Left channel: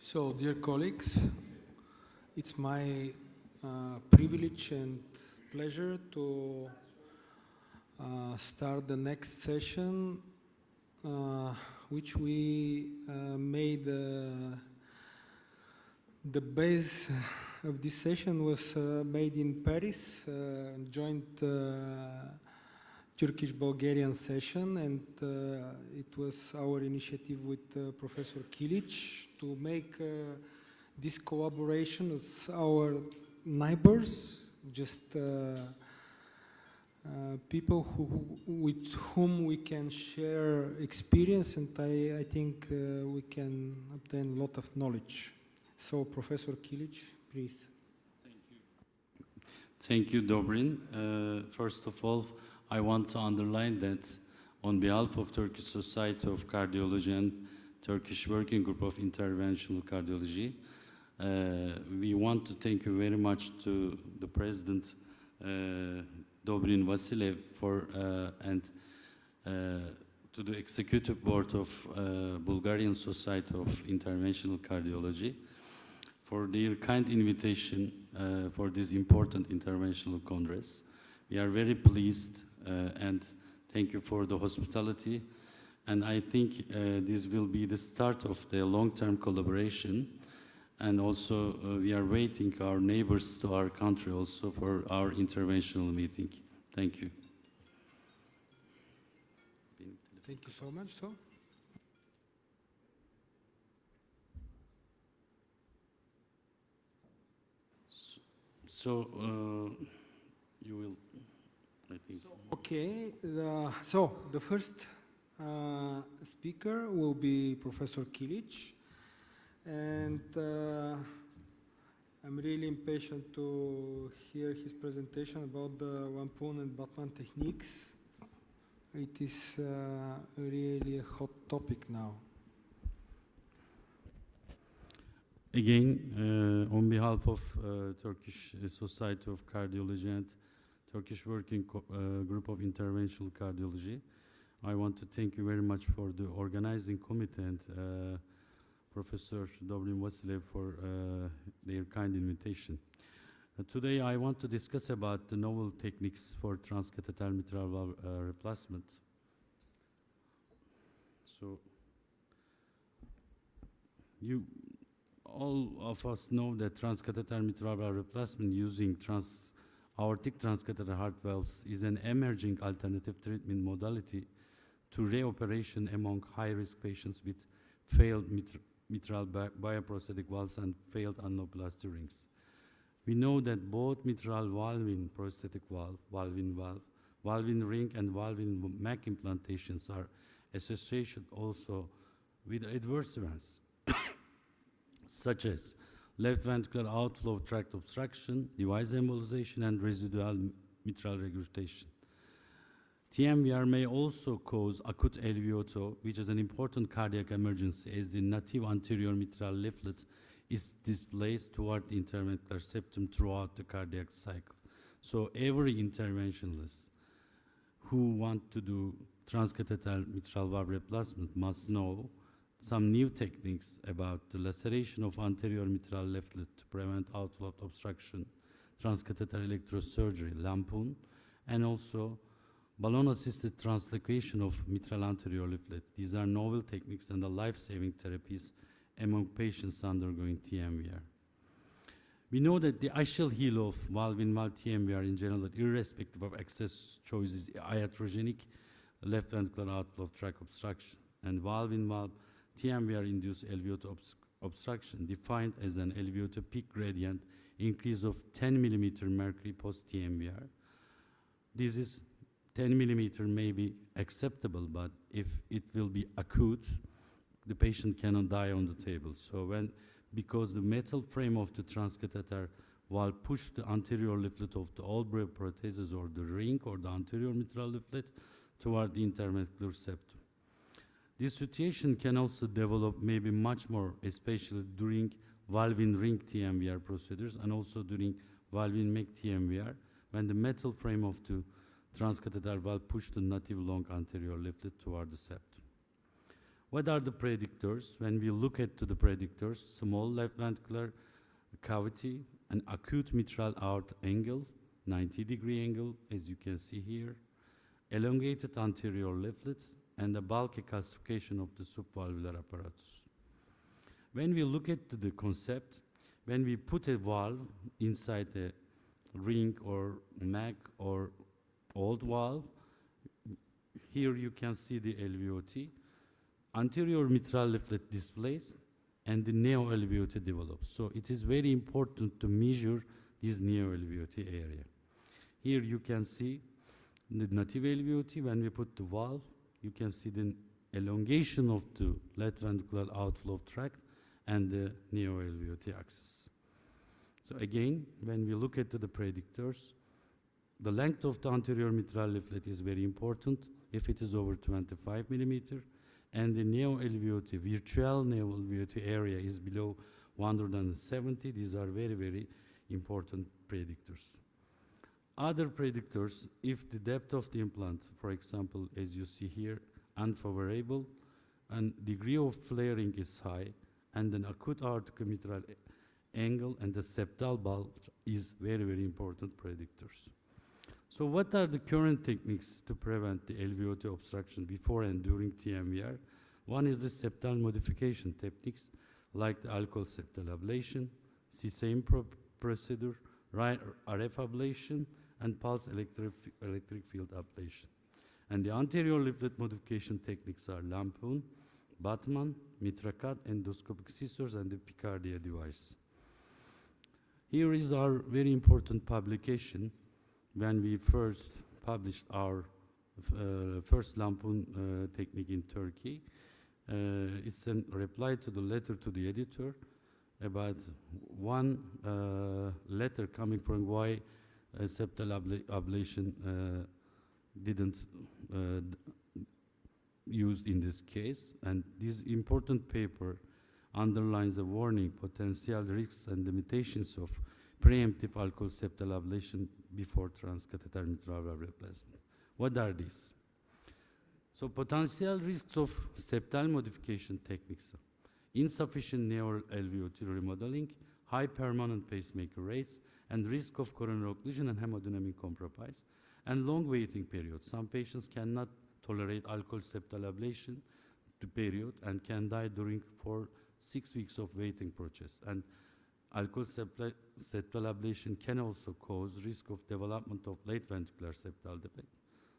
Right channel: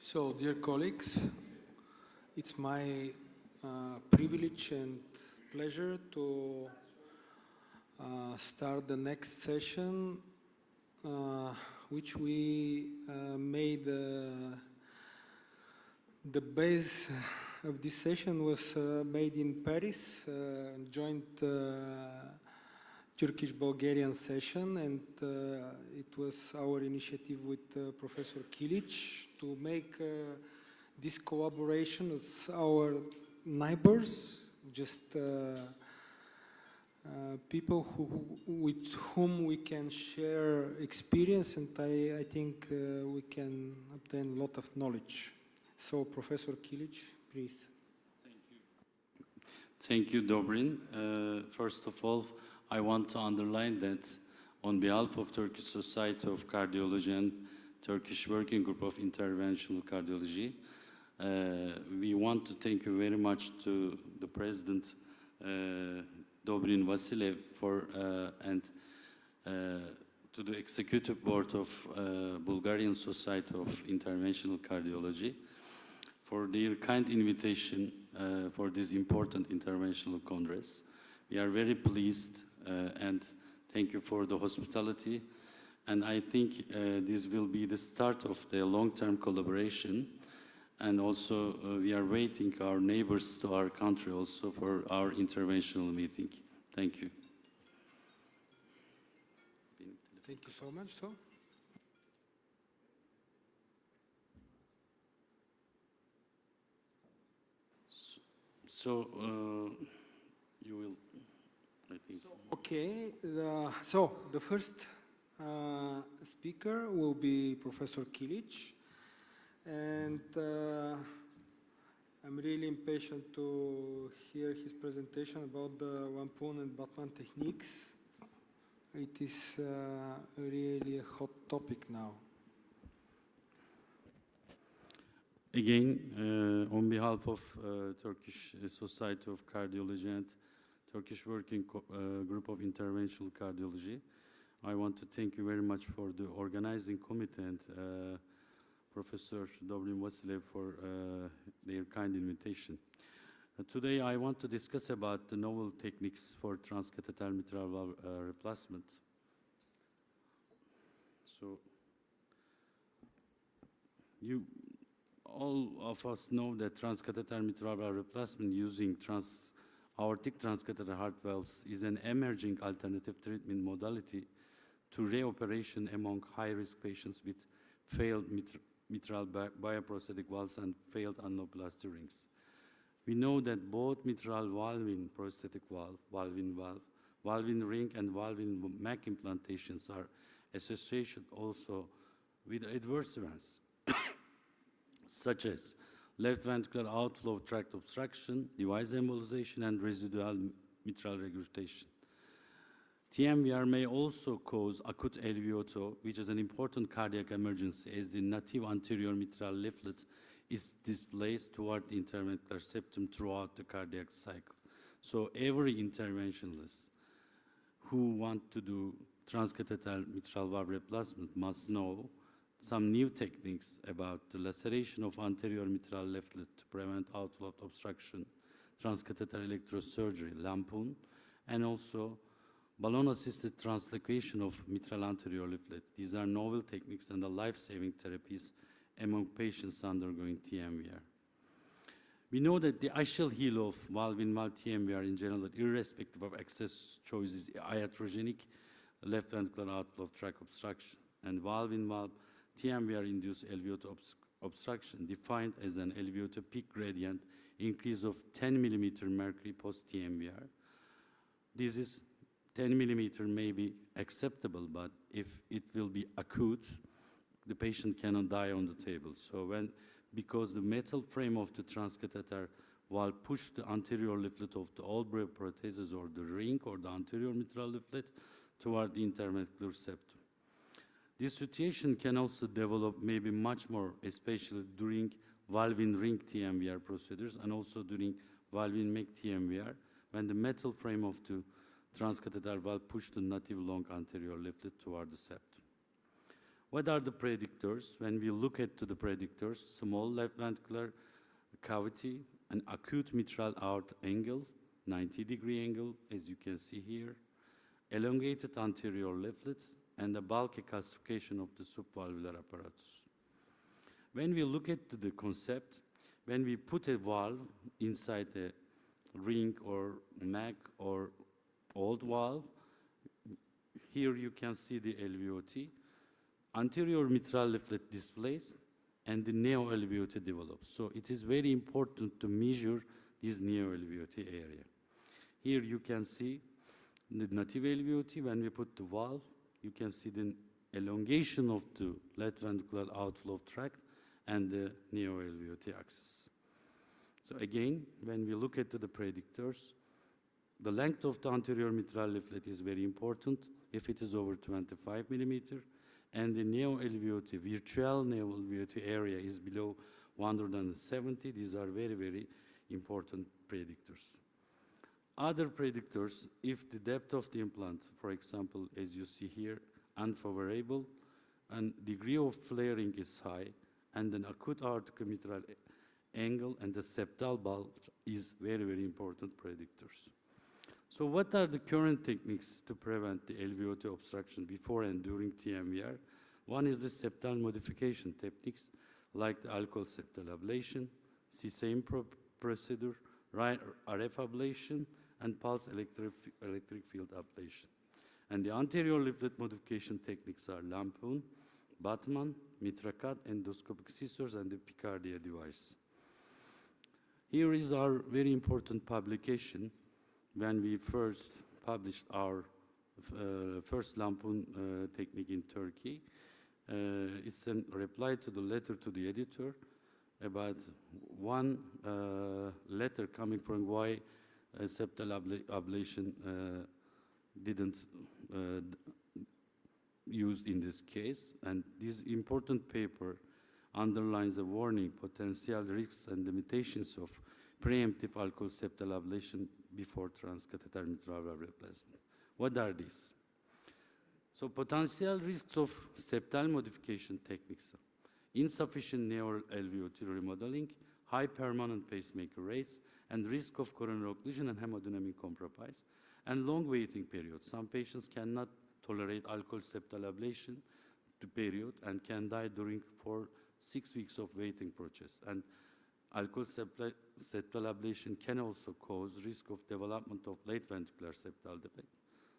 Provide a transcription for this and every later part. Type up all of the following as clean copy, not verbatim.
So, dear colleagues, it's my privilege and pleasure to start the next session, which we made the base of this session was made in Paris, joint Turkish-Bulgarian session, and it was our initiative with Professor Kilic to make this collaboration with our neighbors, just people with whom we can share experience, and I think we can obtain a lot of knowledge. So, Professor Kilic, please. Thank you, Dobrin. First of all, I want to underline that on behalf of Turkish Society of Cardiology and Turkish Working Group of Interventional Cardiology, we want to thank you very much to the President, Dobrin Vasilev, and to the Executive Board of Bulgarian Society of Interventional Cardiology for their kind invitation for this important interventional congress. We are very pleased and thank you for the hospitality. And I think this will be the start of the long-term collaboration. And also we are waiting our neighbors to our country also for our interventional meeting. Thank you. Thank you so much. So you will, I think. Okay, so the first speaker will be Professor Kilic, and I'm really impatient to hear his presentation about the Lampoon and Batman techniques. It is really a hot topic now. Again, on behalf of Turkish Society of Cardiology and Turkish Working Group of Interventional Cardiology, I want to thank you very much for the organizing committee and Professor Dobrin Vasilev for their kind invitation. Today I want to discuss about the novel techniques for transcatheter mitral valve replacement. So, all of us know that transcatheter mitral valve replacement using aortic transcatheter heart valves is an emerging alternative treatment modality to reoperation among high-risk patients with failed mitral bioprosthetic valves and failed annuloplasty rings. We know that both mitral valve-in prosthetic valve, valve-in valve, valve-in ring, and valve-in MAC implantations are associated also with adverse events such as left ventricular outflow tract obstruction, device embolization, and residual mitral regurgitation. TMVR may also cause acute LVOT, which is an important cardiac emergency as the native anterior mitral leaflet is displaced toward the interventricular septum throughout the cardiac cycle. So every interventionalist who wants to do transcatheter mitral valve replacement must know some new techniques about the laceration of anterior mitral leaflet to prevent outflow obstruction, transcatheter electrosurgery, Lampoon, and also balloon-assisted translocation of mitral anterior leaflet. These are novel techniques and life-saving therapies among patients undergoing TMVR. We know that the axial heel of valve-in-valve TMVR in general, irrespective of access choice, is iatrogenic left ventricular outflow tract obstruction, and valve-in-valve TMVR-induced LVOT obstruction defined as an LVOT peak gradient increase of 10 millimeter mercury post-TMVR. This is 10 millimeter may be acceptable, but if it will be acute, the patient cannot die on the table. So because the metal frame of the transcatheter valve push the anterior leaflet of the all prothesis or the ring or the anterior mitral leaflet toward the interventricular septum. This situation can also develop maybe much more, especially during valve-in ring TMVR procedures and also during valve-in MAC TMVR, when the metal frame of the transcatheter valve pushed the native long anterior leaflet toward the septum. What are the predictors? When we look at the predictors, small left ventricular cavity, an acute mitral aorta angle, 90-degree angle, as you can see here, elongated anterior leaflet, and a bulky calcification of the subvalvular apparatus. When we look at the concept, when we put a valve inside a ring or mag or old valve, here you can see the LVOT, anterior mitral leaflet displaced, and the neo-LVOT develops. So it is very important to measure this neo-LVOT area. Here you can see the native LVOT. When we put the valve, you can see the elongation of the left ventricular outflow tract and the neo-LVOT axis. So again, when we look at the predictors, the length of the anterior mitral leaflet is very important if it is over 25 millimeter, and the neo-LVOT, virtual neo-LVOT area is below 170. These are very, very important predictors. Other predictors, if the depth of the implant, for example, as you see here, unfavorable, and degree of flaring is high, and an acute aortic mitral angle and the septal bulge is very, very important predictors. So what are the current techniques to prevent the LVOT obstruction before and during TMVR? One is the septal modification techniques, like the alcohol septal ablation, CSAM procedure, RF ablation, and pulse electric field ablation. And the anterior leaflet modification techniques are Lampoon, Batman, Mitracut, endoscopic scissors, and the Picardia device. Here is our very important publication when we first published our first Lampoon technique in Turkey. It's a reply to the letter to the editor about one letter coming from why septal ablation didn't used in this case, and this important paper underlines a warning, potential risks and limitations of preemptive alcohol septal ablation before transcatheter mitral valve replacement. What are these? So potential risks of septal modification techniques: insufficient neo-LVOT remodeling, high permanent pacemaker rates, and risk of coronary occlusion and hemodynamic compromise, and long waiting periods. Some patients cannot tolerate alcohol septal ablation period and can die during 6 weeks of waiting process. And alcohol septal ablation can also cause risk of development of late ventricular septal defect.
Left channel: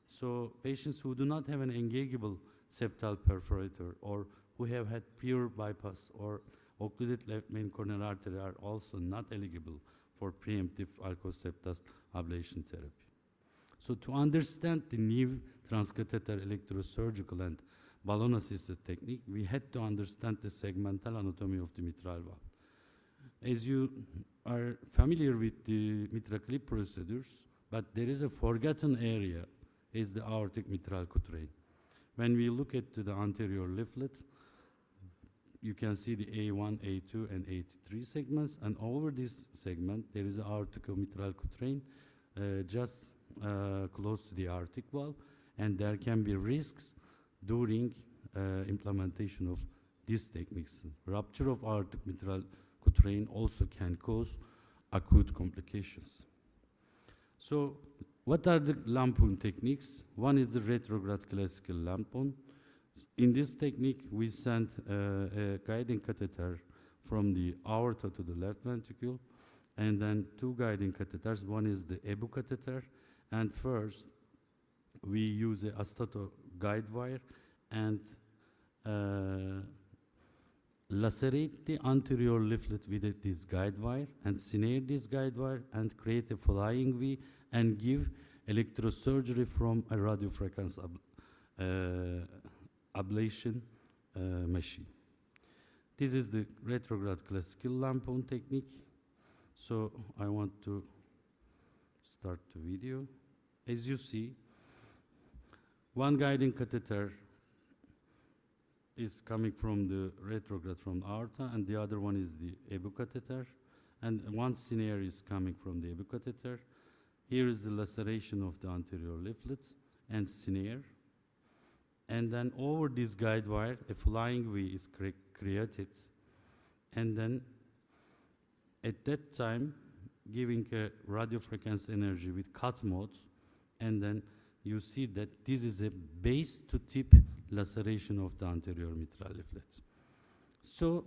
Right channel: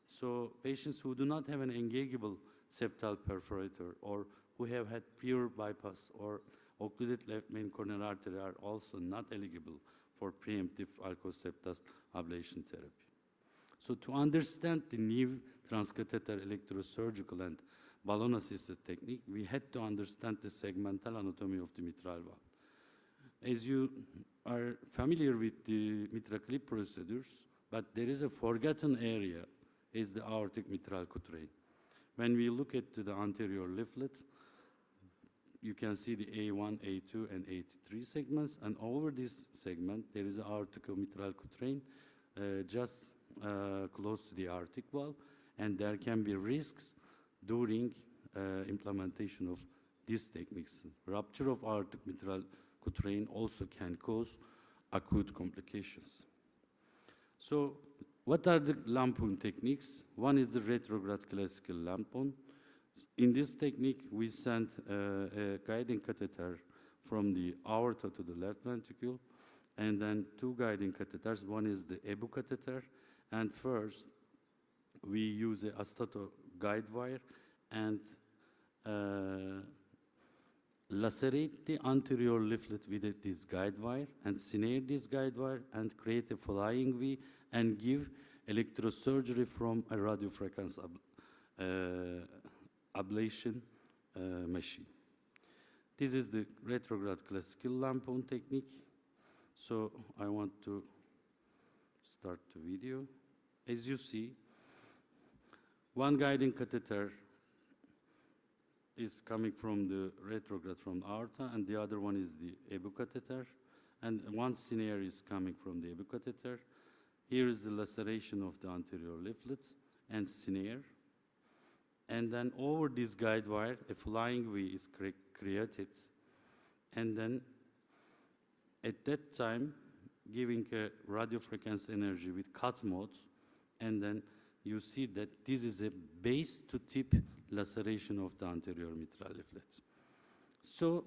So patients who do not have an engageable septal perforator or who have had pure bypass or occluded left main coronary artery are also not eligible for preemptive alcohol septal ablation therapy. So to understand the new transcatheter electrosurgical and balloon-assisted technique, we had to understand the segmental anatomy of the mitral valve. As you are familiar with the mitral clip procedures, but there is a forgotten area, is the aortic mitral cutrain. When we look at the anterior leaflet, you can see the A1, A2, and A3 segments, and over this segment, there is an aortic-mitral cutrain just close to the aortic valve, and there can be risks during implementation of these techniques. Rupture of aortic mitral cutrain also can cause acute complications. So what are the Lampoon techniques? One is the retrograde classical Lampoon. In this technique, we send a guiding catheter from the aorta to the left ventricle, and then two guiding catheters. One is the EBU catheter, and first, we use a astato guide wire and lacerate the anterior leaflet with this guide wire and snare this guide wire and create a flying V and give electrosurgery from a radiofrequency ablation machine. This is the retrograde classical Lampoon technique. So I want to start the video. As you see, one guiding catheter is coming from the retrograde from aorta, and the other one is the EBU catheter, and one snare is coming from the EBU catheter. Here is the laceration of the anterior leaflet and snare. and then over this guide wire, a flying V is created, and then at that time, giving a radio frequency energy with cut mode, and then you see that this is a base to tip laceration of the anterior mitral leaflet. So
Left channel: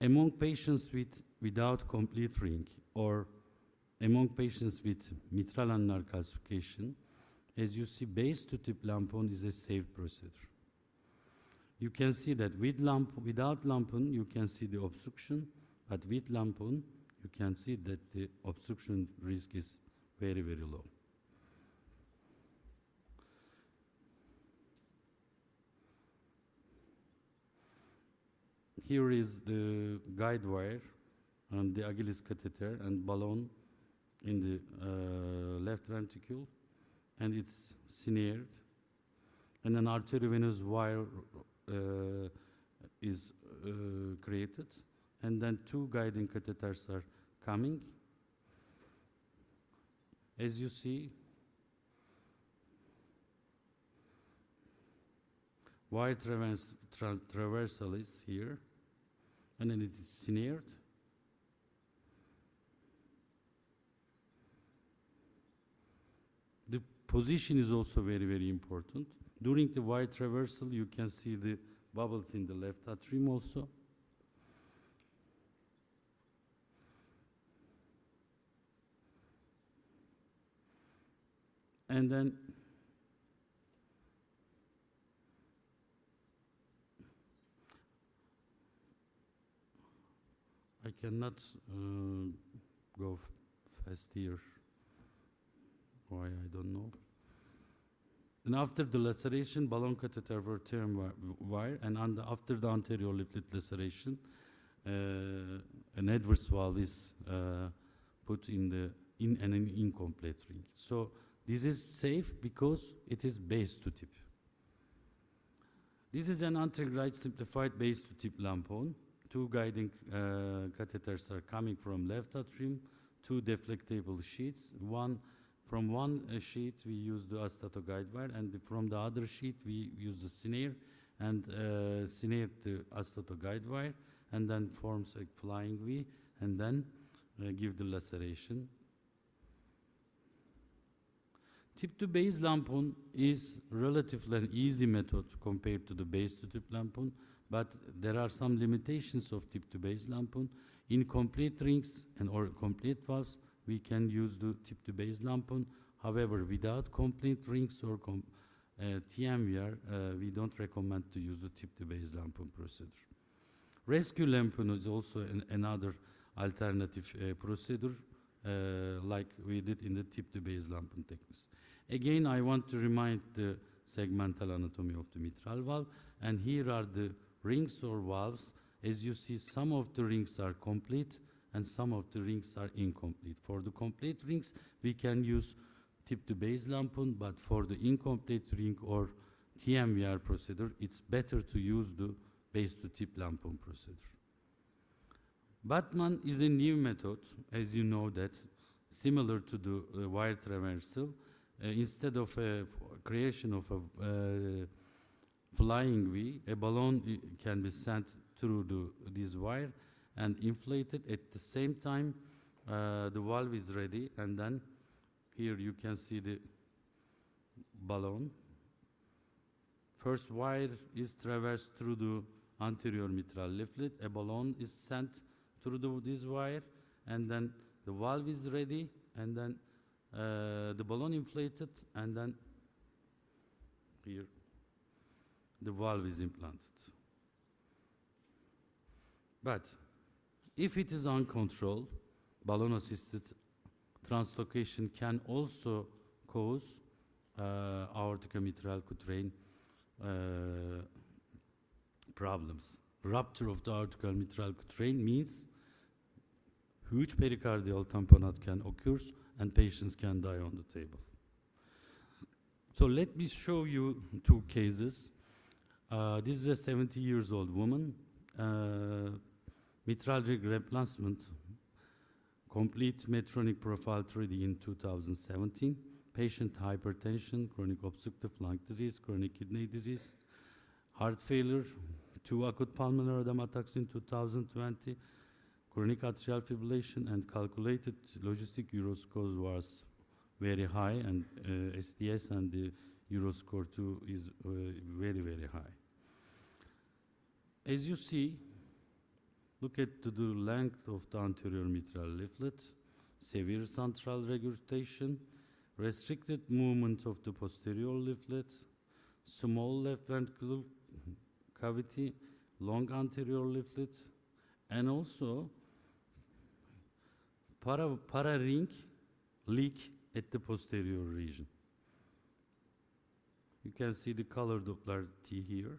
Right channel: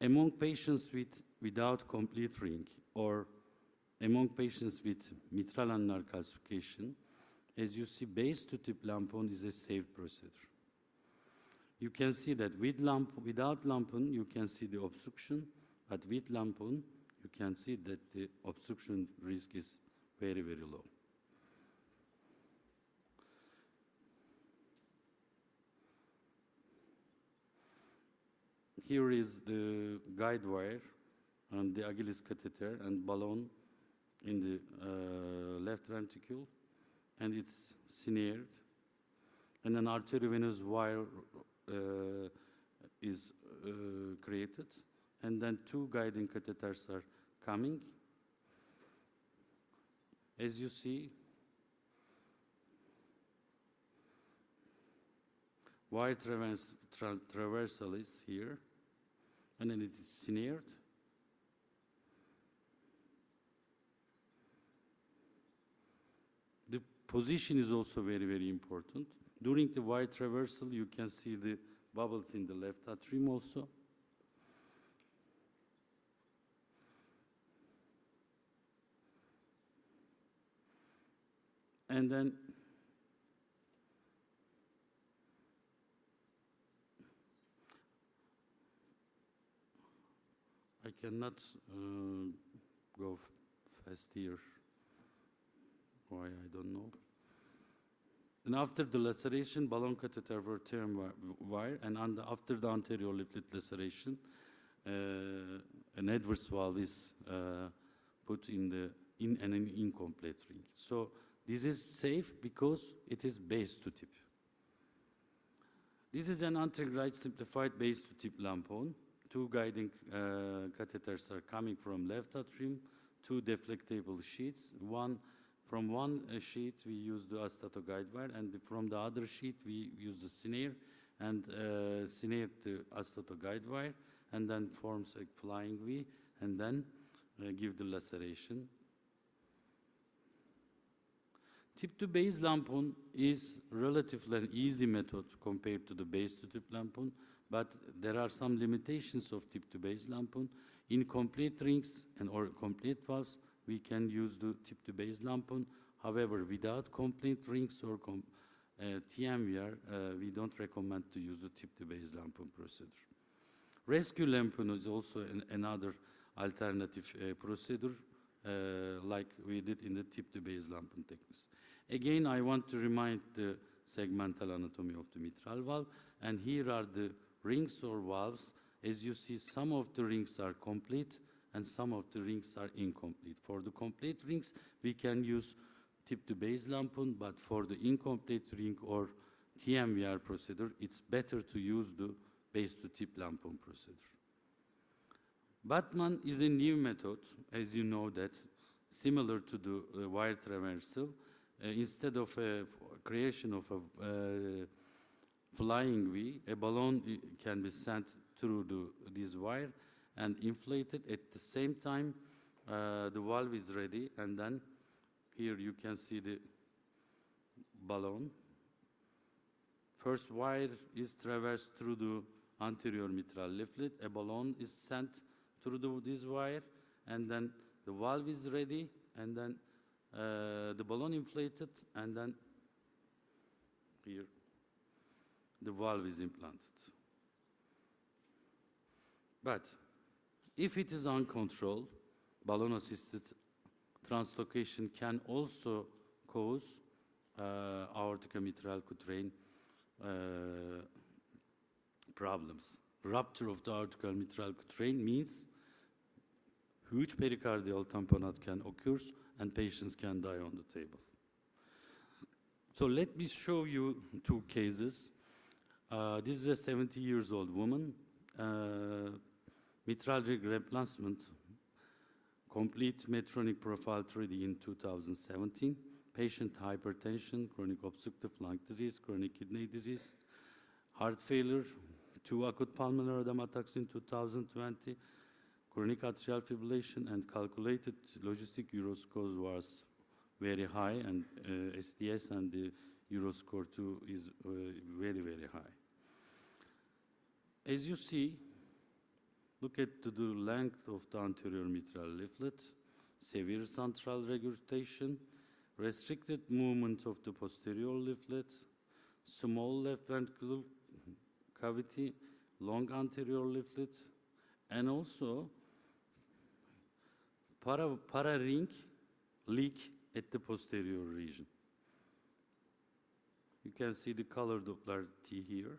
among patients without complete ring, or among patients with mitral ulnar calcification, as you see, base to tip lampon is a safe procedure. You can see that without lampon, you can see the obstruction, but with lampon, you can see that the obstruction risk is very, very low. Here is the guide wire and the Achilles catheter and balloon in the left ventricle, and it's snared. And an arteriovenous wire is created, and then two guiding catheters are coming. As you see, wire traversal is here, and then it is snared. The position is also very, very important. During the wire traversal, you can see the bubbles in the left atrium also. And then I cannot go fast here. Why, I don't know. And after the laceration, balloon catheter were term wire, and after the anterior leaflet laceration, an adverse valve is put in an incomplete ring. So this is safe because it is base to tip. This is an anterograde simplified base to tip lampon. Two guiding catheters are coming from left atrium, two deflectable sheets. From one sheet we use the astato guide wire, and from the other sheet we use the snare and snare the astato guide wire, and then forms a flying V, and then give the laceration. Tip to base lampon is relatively an easy method compared to the base to tip lampon, but there are some limitations of tip to base lampon. In complete rings or complete valves, we can use the tip to base lampon. However, without complete rings or TMVR, we don't recommend to use the tip to base lampon procedure. Rescue lampon is also another alternative procedure, like we did in the tip to base lampon techniques. Again, I want to remind the segmental anatomy of the mitral valve, and here are the rings or valves. As you see, some of the rings are complete and some of the rings are incomplete. For the complete rings, we can use tip to base lampon, but for the incomplete ring or TMVR procedure, it's better to use the base to tip lampon procedure. Batman is a new method, as you know, that similar to the wire traversal. Instead of a creation of a flying V, a balloon can be sent through this wire and inflated. At the same time, the valve is ready, and then here you can see the balloon. First wire is traversed through the anterior mitral leaflet. A balloon is sent through this wire, and then the valve is ready, and then the balloon inflated, and then here the valve is implanted. But if it is uncontrolled, balloon-assisted translocation can also cause aortic mitral quatrain problems. Rupture of the aortic mitral quatrain means huge pericardial tamponade can occur and patients can die on the table. So let me show you two cases. This is a 70-year-old woman, mitral rig replacement, complete Medtronic profile 3D in 2017. Patient hypertension, chronic obstructive lung disease, chronic kidney disease, heart failure, 2 acute pulmonary edema attacks in 2020, chronic atrial fibrillation, and calculated logistic Euroscore was very high, and STS and the Euroscore 2 is very, very high. As you see, look at the length of the anterior mitral leaflet, severe central regurgitation, restricted movement of the posterior leaflet, small left ventricular cavity, long anterior leaflet, and also para-ring leak at the posterior region. You can see the color Doppler T here.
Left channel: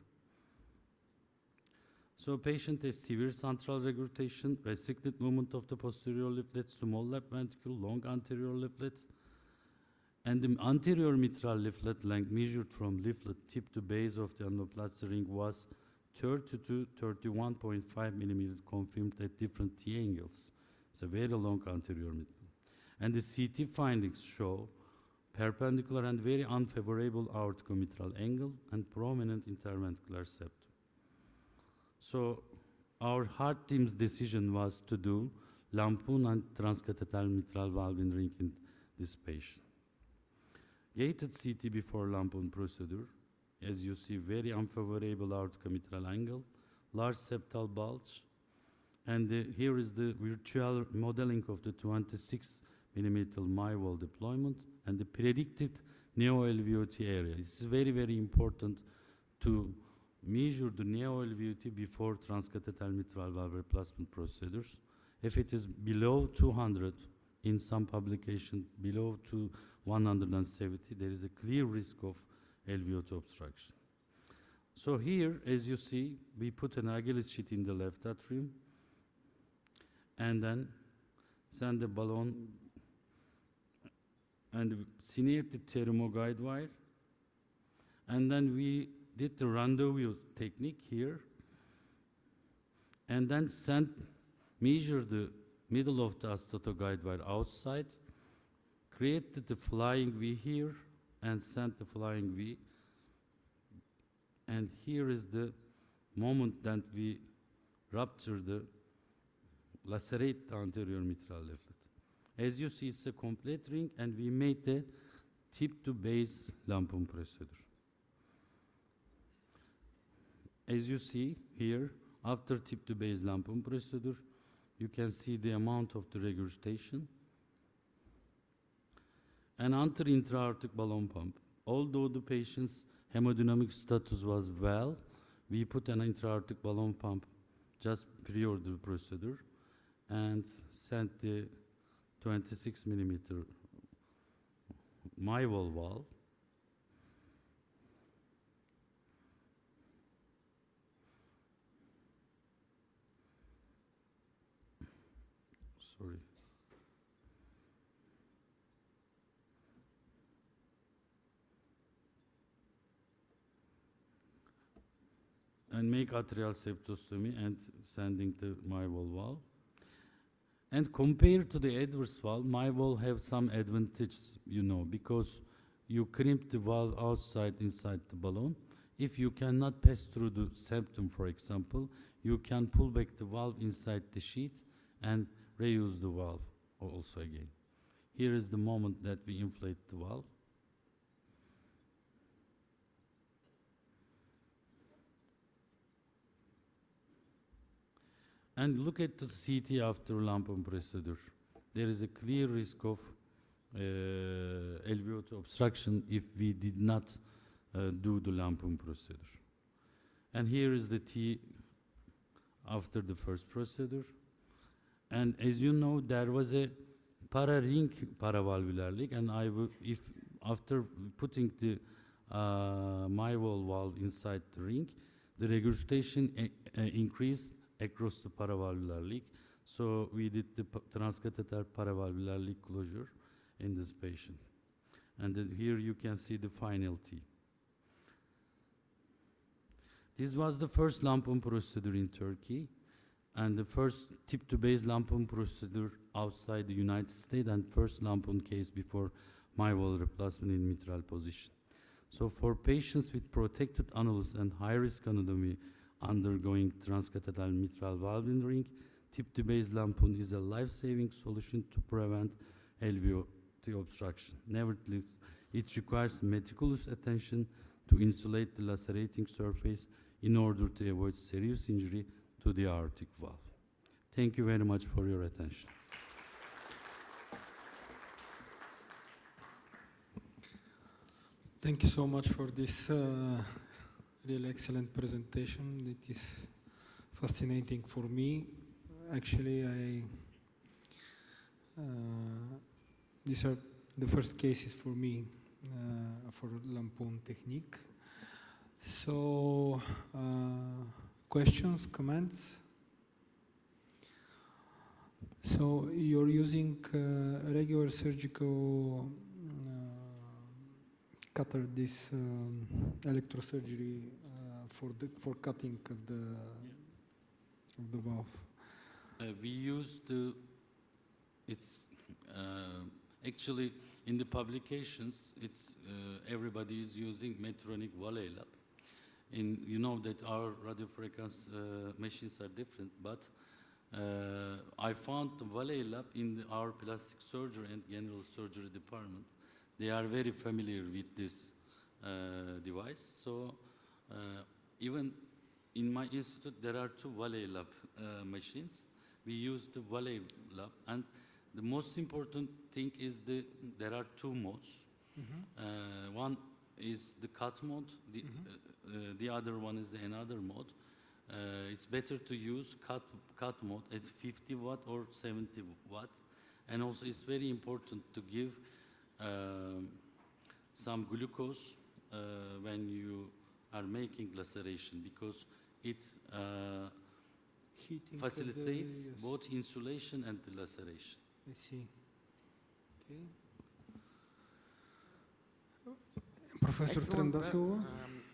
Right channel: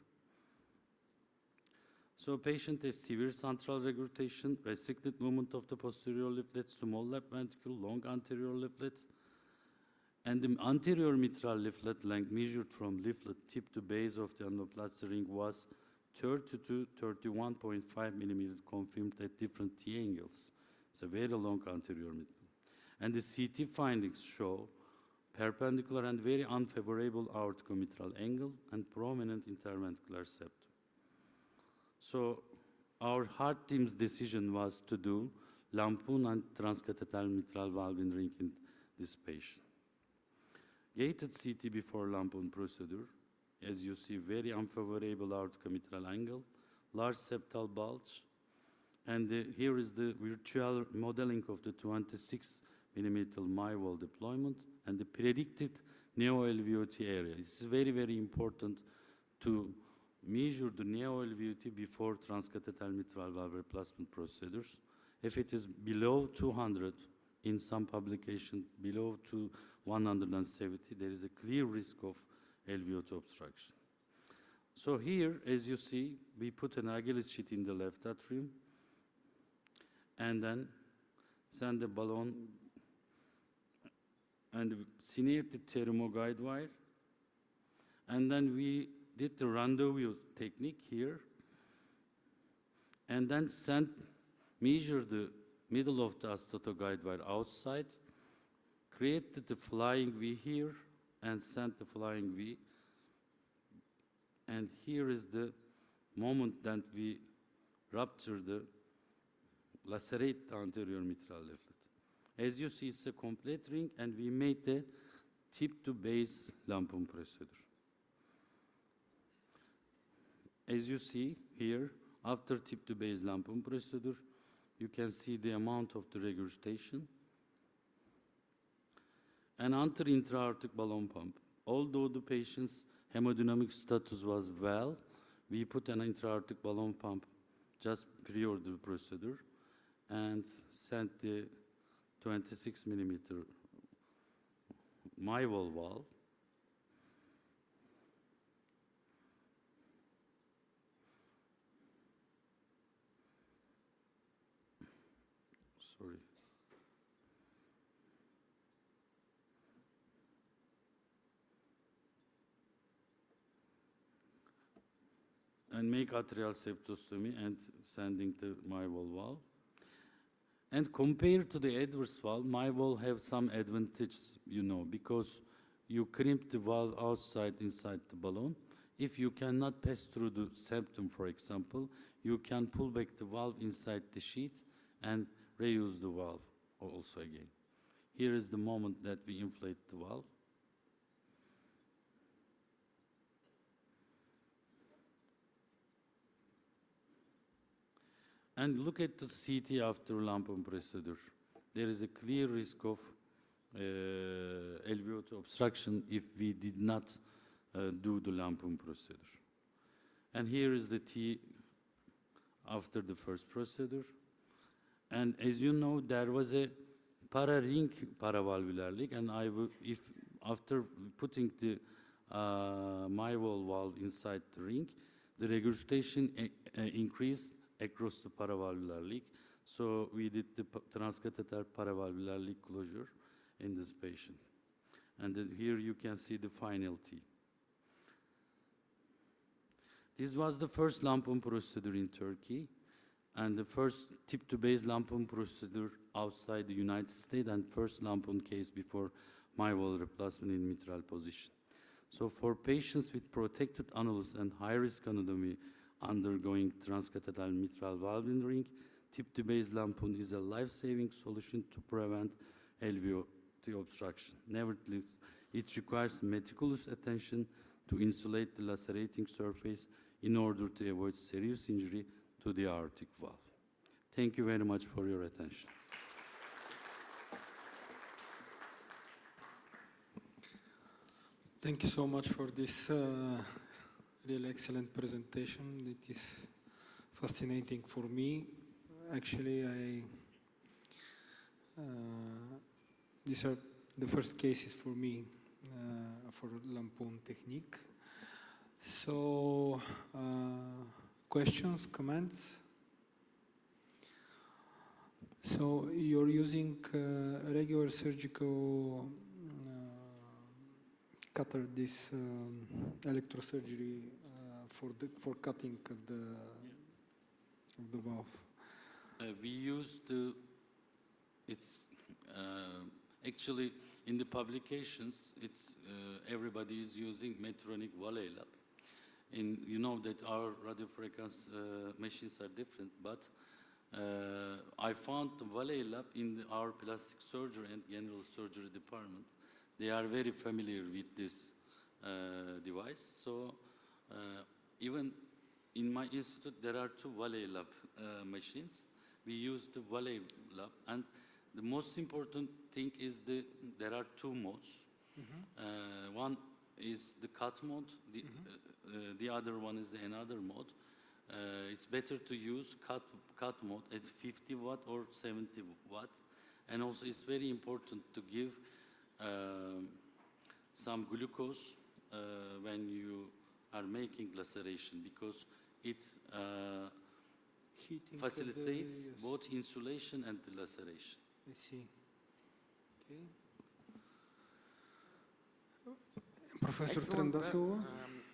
So patient has severe central regurgitation, restricted movement of the posterior leaflet, small left ventricle, long anterior leaflet, and the anterior mitral leaflet length measured from leaflet tip to base of the endoplasty ring was 30 to 31.5 millimeters confirmed at different T angles. It's a very long anterior mitral. And the CT findings show perpendicular and very unfavorable aortocomitral angle and prominent interventricular septum. So our heart team's decision was to do lampoon and transcatheter mitral valve ring in this patient. Gated CT before lampoon procedure, as you see, very unfavorable aortocomitral angle, large septal bulge, and here is the virtual modeling of the 26 millimeter MyWall deployment and the predicted neo-LVOT area. It's very, very important to measure the neo-LVOT before transcatheter mitral valve replacement procedures. If it is below 200, in some publication below 170, there is a clear risk of LVOT obstruction. So here, as you see, we put an Achilles sheet in the left atrium and then send the balloon and smeared the thermoguide wire, and then we did the rendezvous technique here, and then measure the middle of the astotoguide wire outside, created the flying V here, and sent the flying V. And here is the moment that we rupture the lacerate the anterior mitral leaflet. As you see, it's a complete ring, and we made the tip to base lampoon procedure. As you see here, after tip to base lampoon procedure, you can see the amount of the regurgitation. And under intra-aortic balloon pump, although the patient's hemodynamic status was well, we put an intra-aortic balloon pump just prior to the procedure and sent the 26 millimeter MyWall valve. Sorry. And make atrial septostomy and sending the MyWall valve. And compared to the adverse valve, MyWall have some advantages, because you crimp the valve outside inside the balloon. If you cannot pass through the septum, for example, you can pull back the valve inside the sheath and reuse the valve also again. Here is the moment that we inflate the valve. And look at the CT after lampoon procedure. There is a clear risk of LVOT obstruction if we did not do the lampoon procedure. And here is the T after the first procedure. And as you know, there was a para-ring paravalvular leak, and if after putting the MyWall valve inside the ring, the regurgitation increased across the paravalvular leak. So we did the transcatheter paravalvular leak closure in this patient. And then here you can see the final T. This was the first lampoon procedure in Turkey, and the first tip-to-base lampoon procedure outside the United States, and first lampoon case before MyWall replacement in mitral position. So for patients with protected annulus and high-risk anatomy undergoing transcatheter mitral valve ring, tip-to-base lampoon is a life-saving solution to prevent alveolar obstruction. Nevertheless, it requires meticulous attention to insulate the lacerating surface in order to avoid serious injury to the aortic valve. Thank you very much for your attention. Thank you so much for this really excellent presentation. It is fascinating for me. Actually, these are the first cases for me for lampoon technique. So, questions, comments? So you're using regular surgical cutter, this electrosurgery for cutting of the valve. We used the, it's actually in the publications, it's everybody is using Medtronic Valley Lab. You know that our radiofrequency machines are different, but I found the Valley Lab in our plastic surgery and general surgery department. They are very familiar with this device. So even in my institute, there are two Valley Lab machines. We use the Valley Lab, and the most important thing is there are two modes. Mm-hmm. One is the cut mode, the other one is another mode. It's better to use cut mode at 50 watt or 70 watt. And also it's very important to give some glucose when you are making laceration, because it facilitates both insulation and the laceration. I see. Okay. Professor Trendafilo?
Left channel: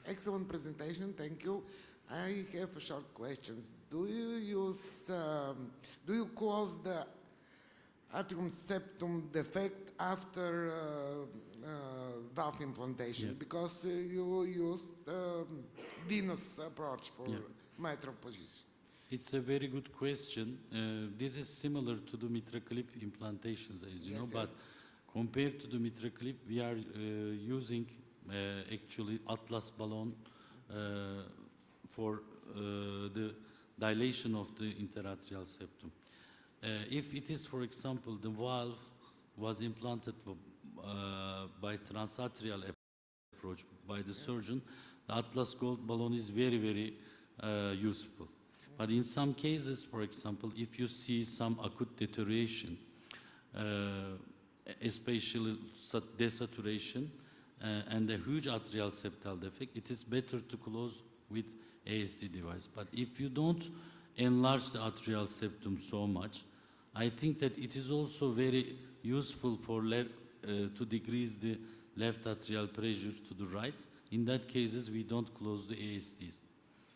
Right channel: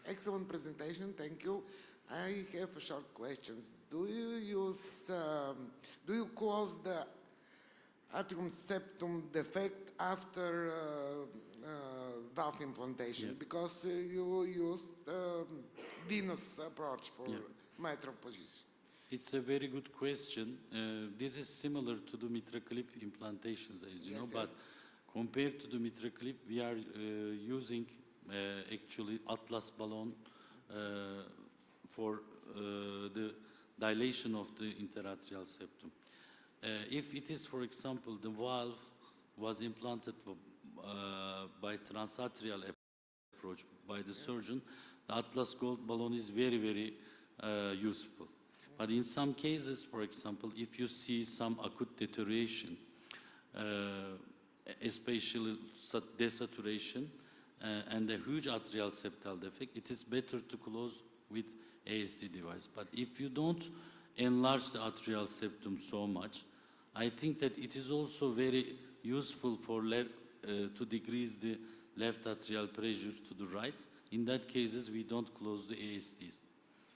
Excellent presentation, thank you. I have a short question. Do you close the atrium septum defect after valve implantation? Yeah. Because you used venous approach for mitral position. It's a very good question. This is similar to the MitraClip implantations, as you know, but compared to the MitraClip, we are using actually Atlas balloon for the dilation of the interatrial septum. If it is, for example, the valve was implanted by transatrial approach by the surgeon, the Atlas gold balloon is very, very useful. But in some cases, for example, if you see some acute deterioration, especially desaturation and a huge atrial septal defect, it is better to close with ASD device. But if you don't enlarge the atrial septum so much, I think that it is also very useful for to decrease the left atrial pressure to the right. In that cases, we don't close the ASDs.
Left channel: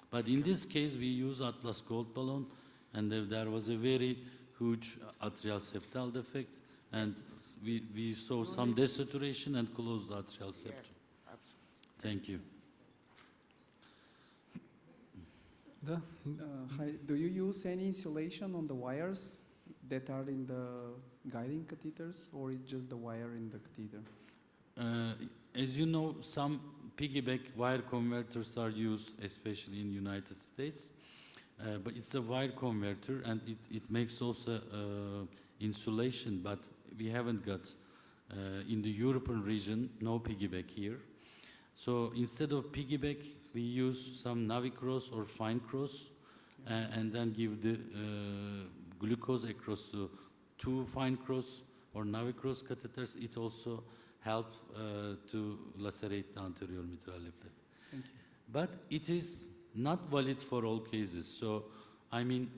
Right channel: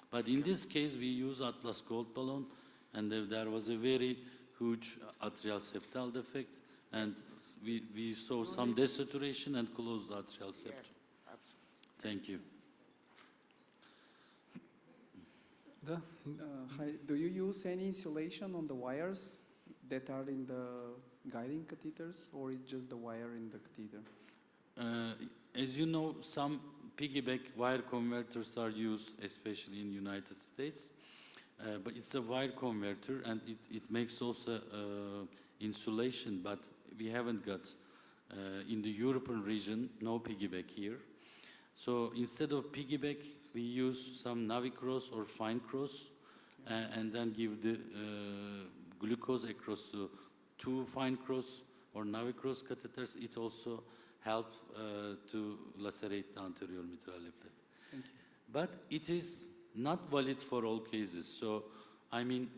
But in this case, we use Atlas gold balloon, and there was a very huge atrial septal defect, and we saw some desaturation and closed the atrial septum. Yes, absolutely. Thank you. Hi, do you use any insulation on the wires that are in the guiding catheters, or it's just the wire in the catheter? As you know, some piggyback wire converters are used, especially in the United States. But it's a wire converter, and it makes also insulation, but we haven't got, in the European region, no piggyback here. So instead of piggyback, we use some Navicross or fine cross, and then give the glucose across the two fine cross or Navicross catheters. It also helps to lacerate the anterior mitral leaflet. Thank you. But it is not valid for all cases. So, I mean,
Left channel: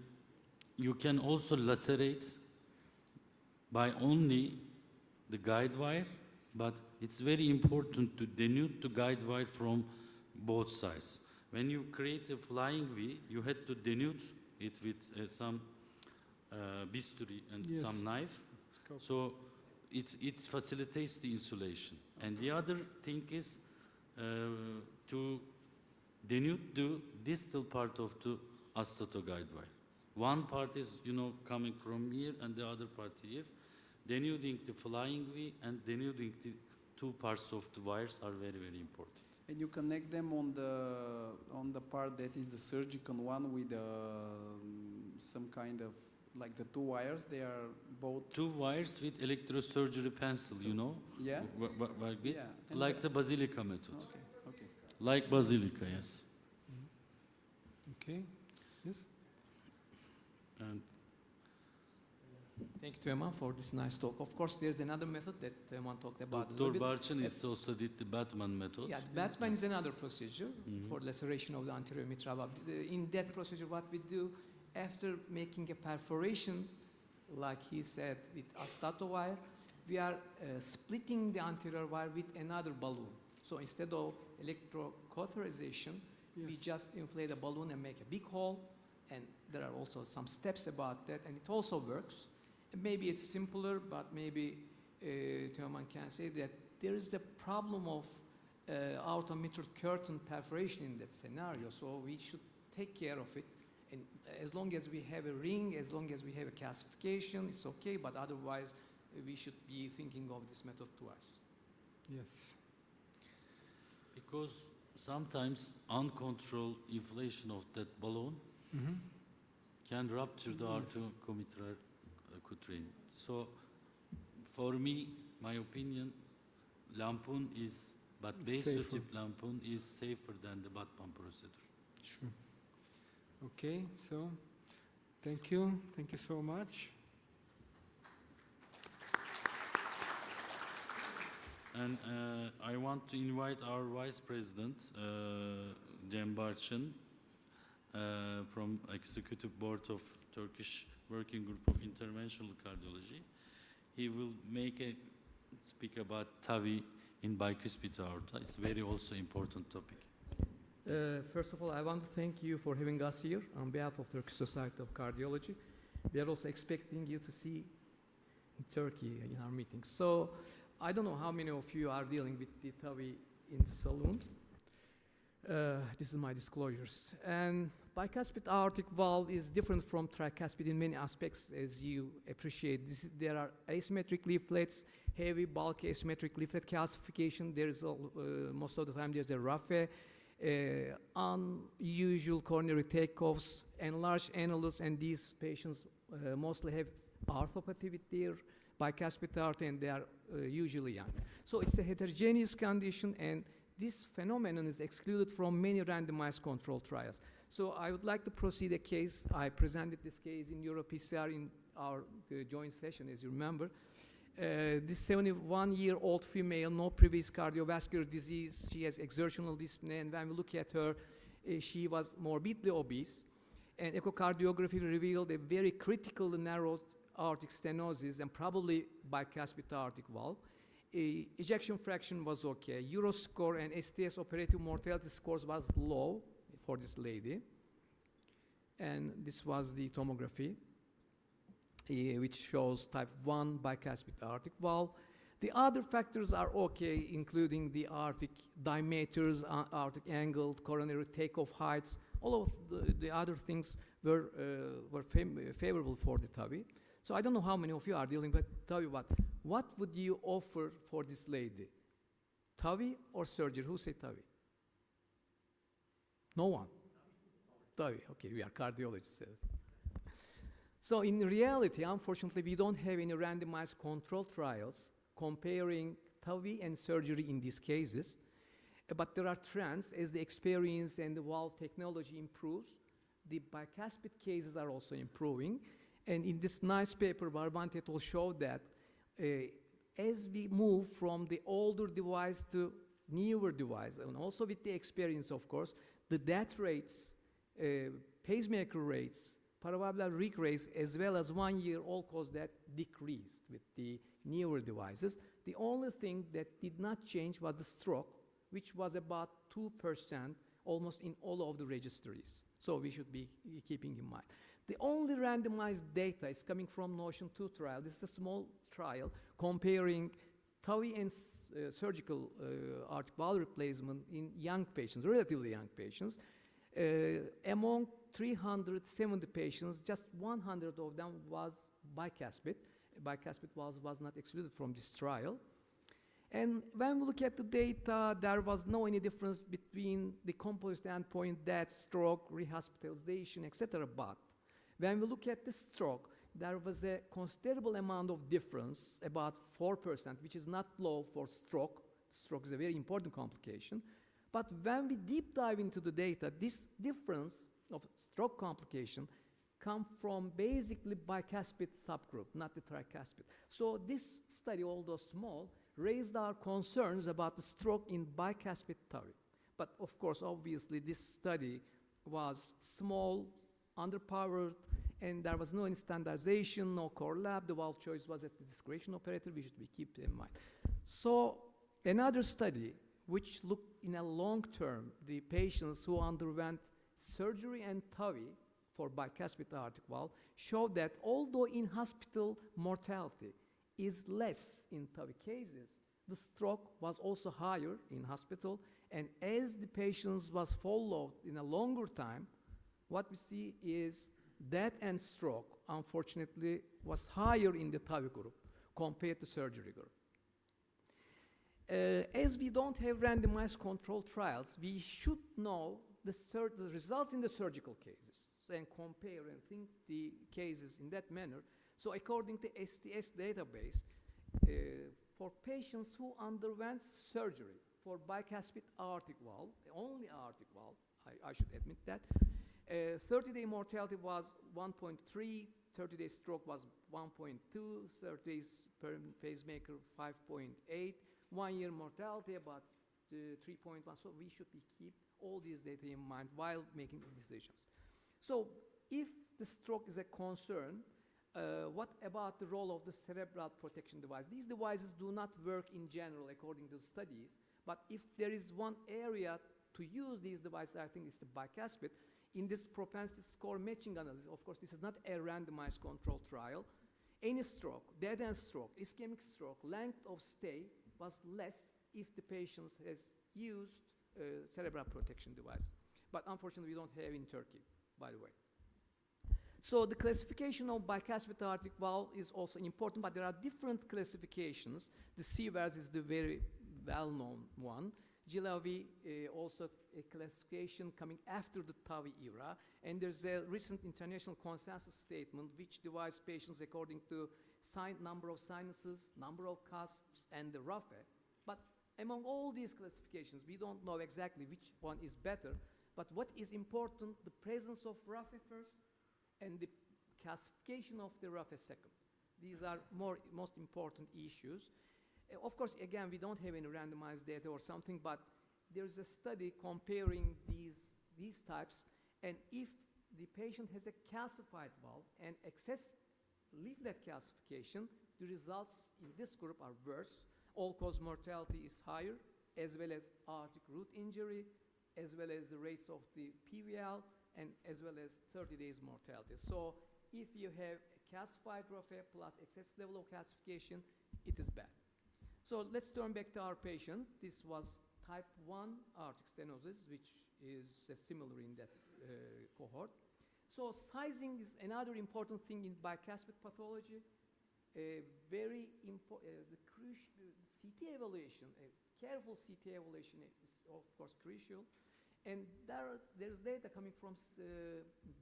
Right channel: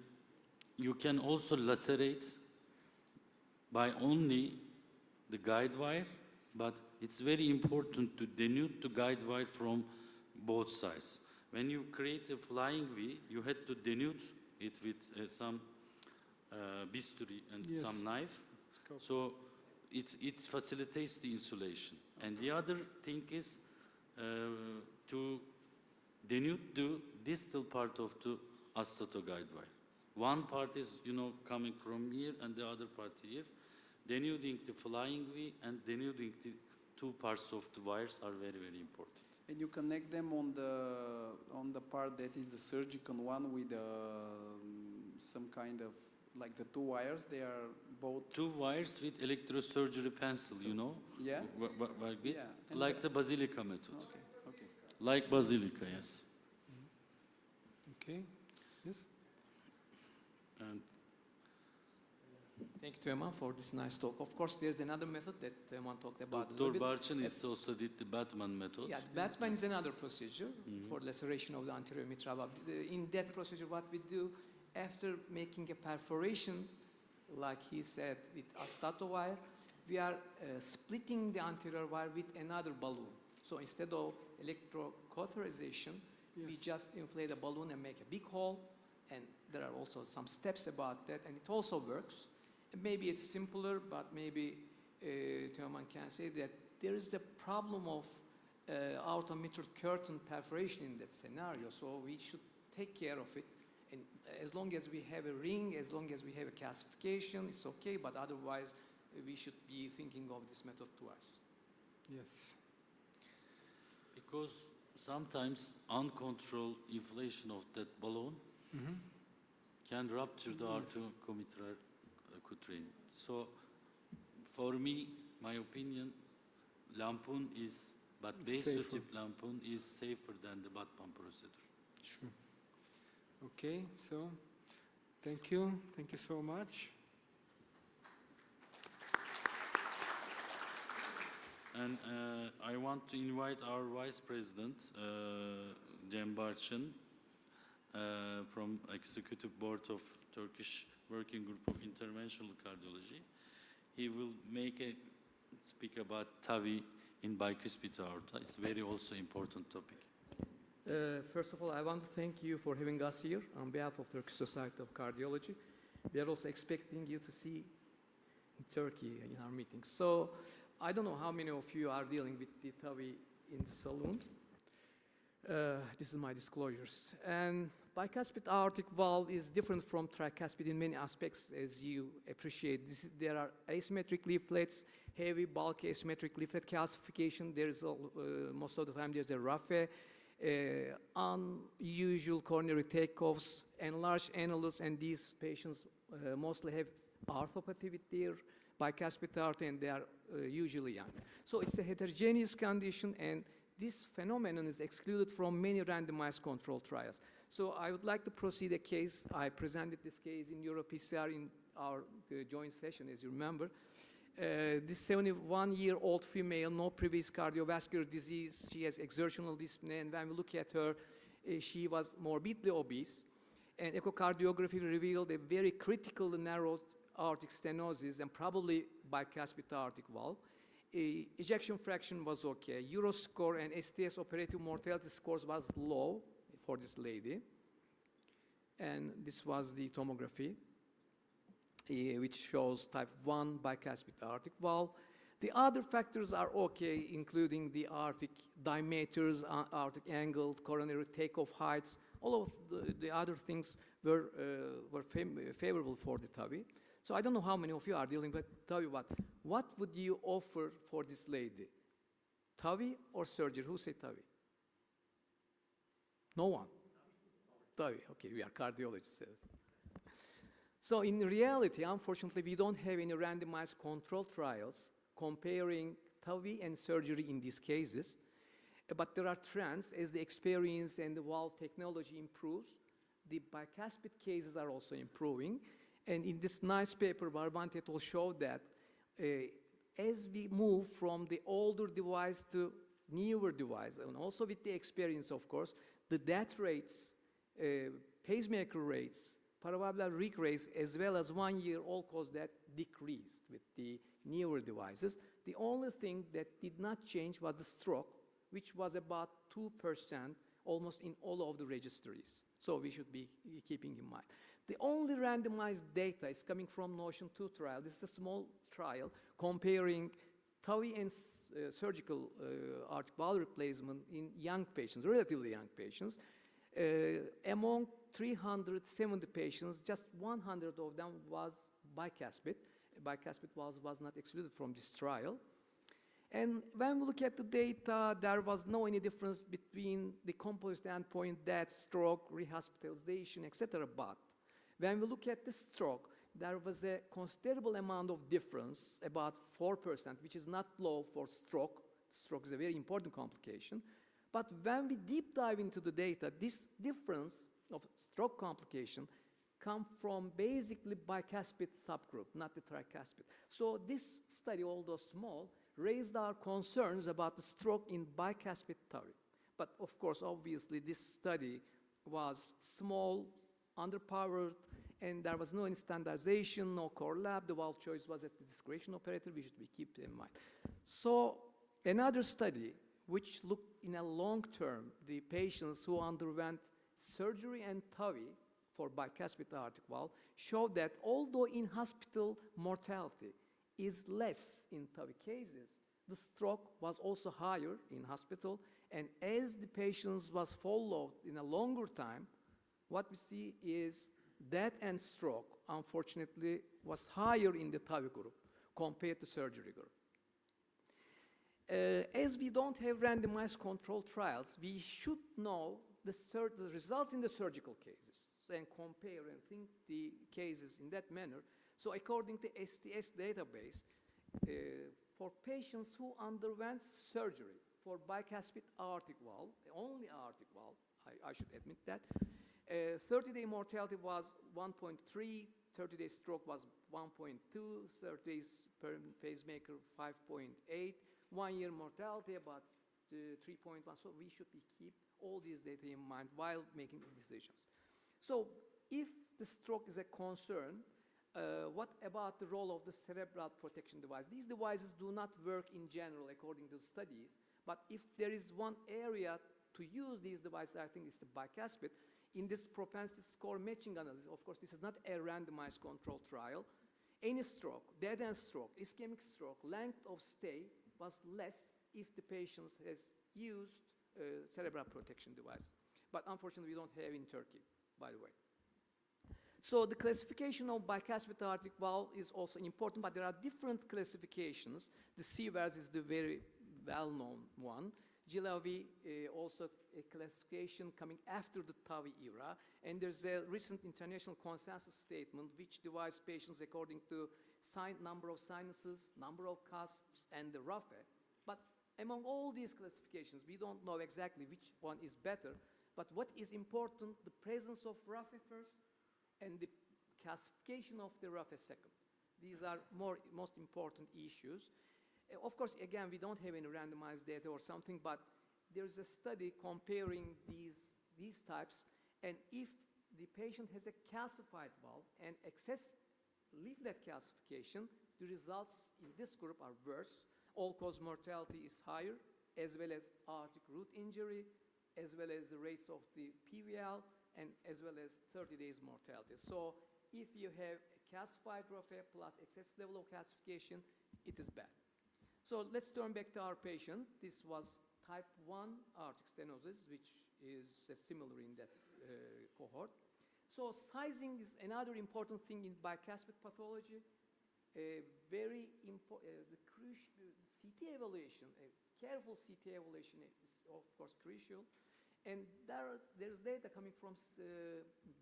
you can also lacerate by only the guide wire, but it's very important to denude the guide wire from both sides. When you create a flying V, you had to denude it with some bisturi and some knife. So it facilitates the insulation. And the other thing is, to denude the distal part of the acetoguide wire. One part is, coming from here and the other part here. Denuding the flying V and denuding the two parts of the wires are very, very important. And you connect them on the part that is the surgical one with some kind of, like the two wires, they are both... Two wires with electrosurgery pencil, Yeah? Yeah. And Like the basilica method. Okay, okay. Like basilica, yes. Okay. Yes. And Thank you, Teoman, for this nice talk. Of course, there's another method that Teoman talked about. a Dr. little bit. Barchin is also did the Batman method. Yeah, Batman is another procedure for laceration of the anterior mitral valve. In that procedure, what we do after making a perforation, like he said, with astato wire, we are splitting the anterior wire with another balloon. So instead of electrocauterization, we just inflate a balloon and make a big hole. And there are also some steps about that, and it also works. Maybe it's simpler, but maybe Teoman can say that there is a problem of aortomitral curtain perforation in that scenario, so we should take care of it. And as long as we have a ring, as long as we have a calcification, it's okay, but otherwise we should be thinking of this method twice. Yes. Because sometimes uncontrolled inflation of that balloon can rupture the arteriocomitral cutrine. So, for me, my opinion, lampoon is, but base Safer. tip lampoon is safer than the Batman procedure. Sure. Okay, so thank you. Thank you so much. And I want to invite our Vice President, Cem Barchin, from Executive Board of Turkish Working Group of Interventional Cardiology. He will speak about TAVI in bicuspid aorta. It's very also important topic. First of all, I want to thank you for having us here on behalf of Turkish Society of Cardiology. We are also expecting you to see in Turkey in our meetings. So I don't know how many of you are dealing with the TAVI in the saloon. This is my disclosures. And bicuspid aortic valve is different from tricuspid in many aspects, as you appreciate. There are asymmetric leaflets, heavy, bulky asymmetric leaflet calcification. There is most of the time there's a raphe, unusual coronary takeoffs, enlarged annulus, and these patients mostly have arthropathy with their bicuspid aorta, and they are usually young. So it's a heterogeneous condition, and this phenomenon is excluded from many randomized controlled trials. So I would like to proceed a case. I presented this case in EuroPCR in our joint session, as you remember. This 71-year-old female, no previous cardiovascular disease. She has exertional dyspnea, and when we look at her, she was morbidly obese. And echocardiography revealed a very critical narrow aortic stenosis and probably bicuspid aortic valve. Ejection fraction was okay. Euroscore and STS operative mortality scores was low for this lady. And this was the tomography, which shows type 1 bicuspid aortic valve. The other factors are okay, including the aortic diameters, aortic angle, coronary takeoff heights. All of the other things were favorable for the TAVI. So I don't know how many of you are dealing with TAVI, but what would you offer for this lady? TAVI or surgery? Who said TAVI? No one? TAVI, okay, we are cardiologists. So in reality, unfortunately, we don't have any randomized controlled trials comparing TAVI and surgery in these cases. But there are trends as the experience and the valve technology improves. The bicuspid cases are also improving. And in this nice paper, Barbante et al. Showed that as we move from the older device to newer device, and also with the experience, of course, the death rates, pacemaker rates, paravalvular leak rates, as well as 1 year all-cause death decreased with the newer devices. The only thing that did not change was the stroke, which was about 2% almost in all of the registries. So we should be keeping in mind. The only randomized data is coming from Notion 2 trial. This is a small trial comparing TAVI and surgical aortic valve replacement in young patients, relatively young patients. Among 370 patients, just 100 of them was bicuspid. Bicuspid was not excluded from this trial. And when we look at the data, there was no any difference between the composite endpoint, death, stroke, rehospitalization, etc. But when we look at the stroke, there was a considerable amount of difference, about 4%, which is not low for stroke. Stroke is a very important complication. But when we deep dive into the data, this difference of stroke complication come from basically bicuspid subgroup, not the tricuspid. So this study, although small, raised our concerns about the stroke in bicuspid TAVI. But of course, obviously, this study was small, underpowered, and there was no any standardization, no core lab. The valve choice was at the discretion operator. We should keep in mind. So another study, which looked in a long term, the patients who underwent surgery and TAVI for bicuspid aortic valve, showed that although in-hospital mortality is less in TAVI cases, the stroke was also higher in hospital, and as the patients was followed in a longer time, what we see is death and stroke, unfortunately, was higher in the TAVI group compared to surgery group. As we don't have randomized controlled trials, we should know the results in the surgical cases and compare and think the cases in that manner. So according to STS database, for patients who underwent surgery for bicuspid aortic valve, only aortic valve, I should admit that, 30-day mortality was 1.3, 30-day stroke was 1.2, 30 days per pacemaker 5.8, 1 year mortality about 3.1. So we should keep all these data in mind while making decisions. So if the stroke is a concern, what about the role of the cerebral protection device? These devices do not work in general according to studies, but if there is one area to use these devices, I think it's the bicuspid. In this propensity score matching analysis, of course, this is not a randomized controlled trial. Any stroke, dead end stroke, ischemic stroke, length of stay was less if the patient has used cerebral protection device. But unfortunately, we don't have in Turkey, by the way. So the classification of bicuspid aortic valve is also important, but there are different classifications. The CVARS is the very well-known one. GLAV also a classification coming after the TAVI era, and there's a recent international consensus statement which divides patients according to number of sinuses, number of cusps, and the RAFE. But among all these classifications, we don't know exactly which one is better, but what is important, the presence of RAFE first, and the classification of the RAFE second. These are most important issues. Of course, again, we don't have any randomized data or something, but there's a study comparing these types, and if the patient has a calcified valve and leave that calcification, the results in this group are worse. All-cause mortality is higher, as well as aortic root injury, as well as the rates of the PVL, and as well as 30 days mortality. So if you have a calcified RAFE plus excess level of calcification, it is bad. So let's turn back to our patient. This was type 1 aortic stenosis, which is similar in that cohort. So sizing is another important thing in bicuspid pathology. Very important, the CT evaluation, a careful CT evaluation is of course crucial. And there's data coming from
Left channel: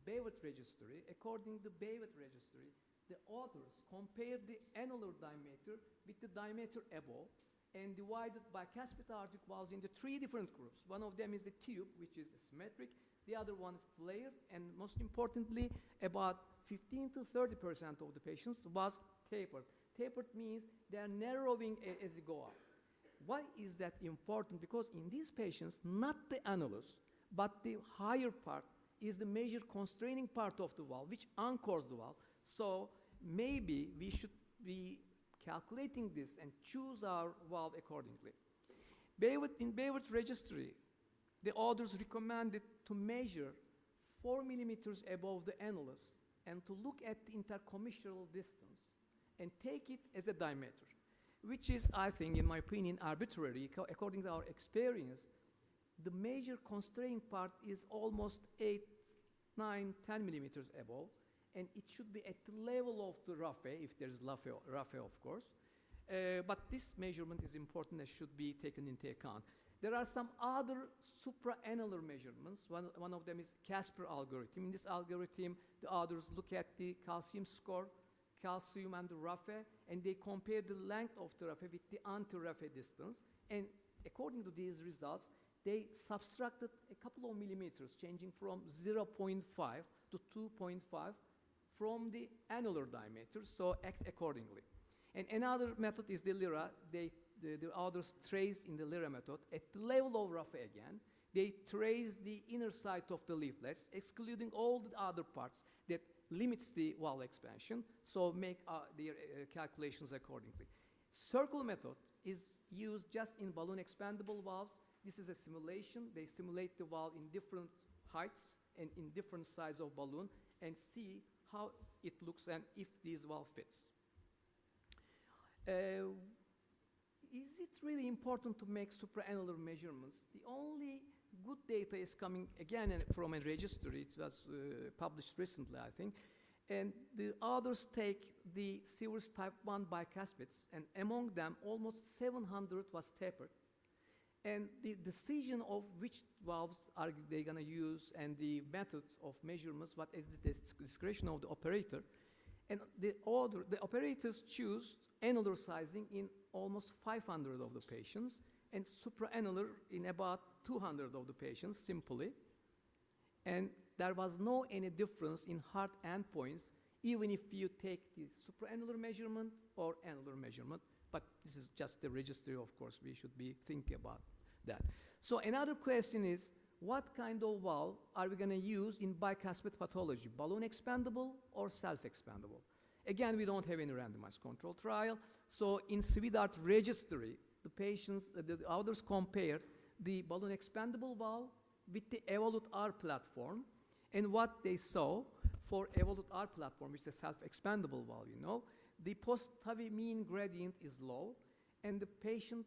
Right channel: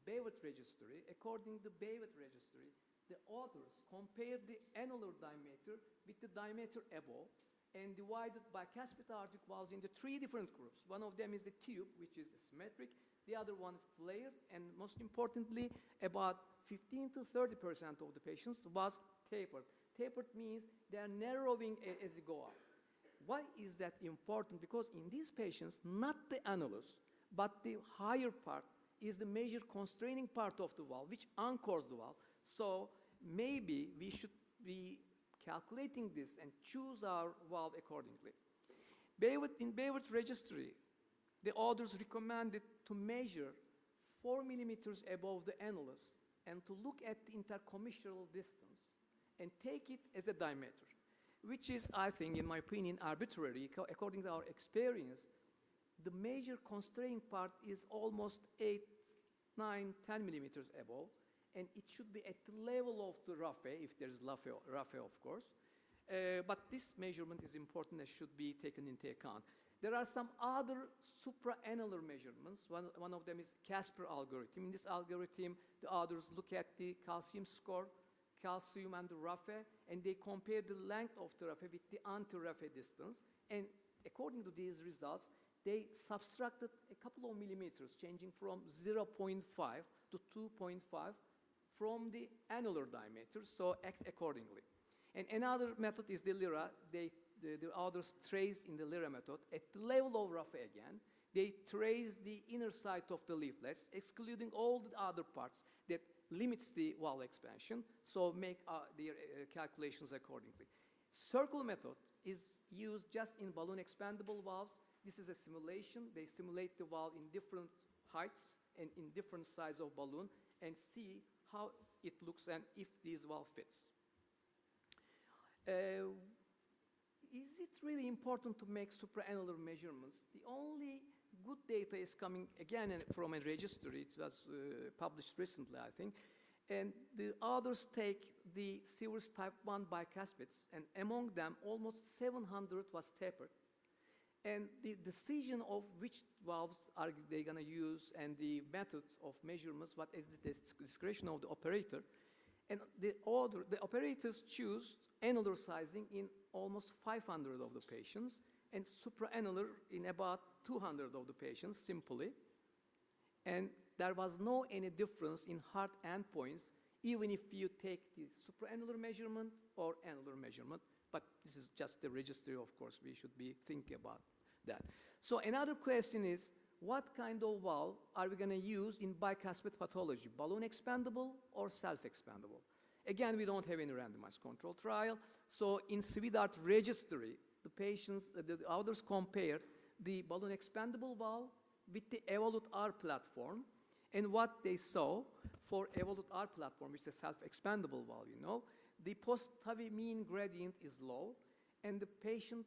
Baywood registry. According to Baywood registry, the authors compared the annular diameter with the diameter above and divided bicuspid aortic valves into 3 different groups. One of them is the tube, which is symmetric. The other one flared, and most importantly, about 15 to 30% of the patients was tapered. Tapered means they are narrowing as you go up. Why is that important? Because in these patients, not the annulus, but the higher part is the major constraining part of the valve, which anchors the valve. So maybe we should be calculating this and choose our valve accordingly. In Baywood's registry, the authors recommended to measure 4 millimeters above the annulus and to look at the intercommissural distance and take it as a diameter. which is, I think, in my opinion, arbitrary. According to our experience, the major constraining part is almost 8, 9, 10 millimeters above, and it should be at the level of the raphe, if there's raphe, of course. But this measurement is important and should be taken into account. There are some other supraannular measurements. One of them is Casper algorithm. In this algorithm, the authors look at the calcium score, calcium and the raphe, and they compare the length of the raphe with the anti-raphe distance. And according to these results, they subtracted a couple of millimeters, changing from 0.5 to 2.5 from the annular diameter, so act accordingly. And another method is the LIRA. The authors trace in the LIRA method at the level of raphe again. They trace the inner side of the leaflets, excluding all the other parts that limits the valve expansion, so make their calculations accordingly. Circle method is used just in balloon expandable valves. This is a simulation. They simulate the valve in different heights and in different size of balloon and see how it looks and if this valve fits. Is it really important to make supraannular measurements? The only good data is coming again from a registry. It was published recently, I think. And the others take the Sewers type 1 bicuspids, and among them, almost 700 was tapered. And the decision of which valves are they going to use and the method of measurements, what is the discretion of the operator. And the operators choose annular sizing in almost 500 of the patients and supraannular in about 200 of the patients, simply. And there was no any difference in hard endpoints, even if you take the supraannular measurement or annular measurement. But this is just the registry, of course. We should be thinking about that. So another question is, what kind of valve are we going to use in bicuspid pathology, balloon expandable or self-expandable? Again, we don't have any randomized control trial. So in SWIDART registry, the patients, the authors compared the balloon expandable valve with the Evolut R platform, and what they saw for Evolut R platform, which is a self-expandable valve, you know, the post-TAVI mean gradient is low, and the patient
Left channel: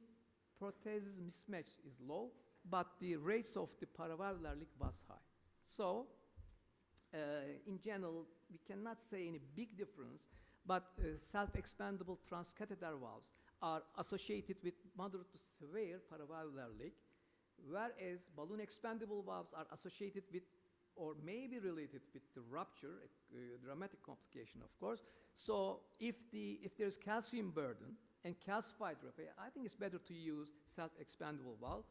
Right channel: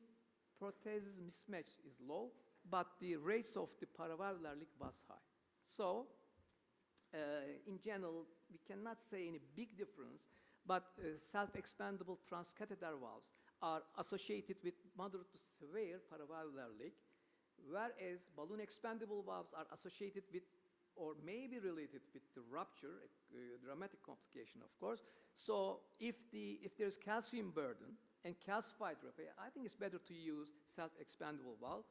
prosthesis mismatch is low, but the rates of the paravalvular leak was high. So, in general, we cannot say any big difference, but self-expandable transcatheter valves are associated with moderate to severe paravalvular leak, whereas balloon expandable valves are associated with or may be related with the rupture, a dramatic complication, of course. So if there's calcium burden and calcified raphe, I think it's better to use self-expandable valve.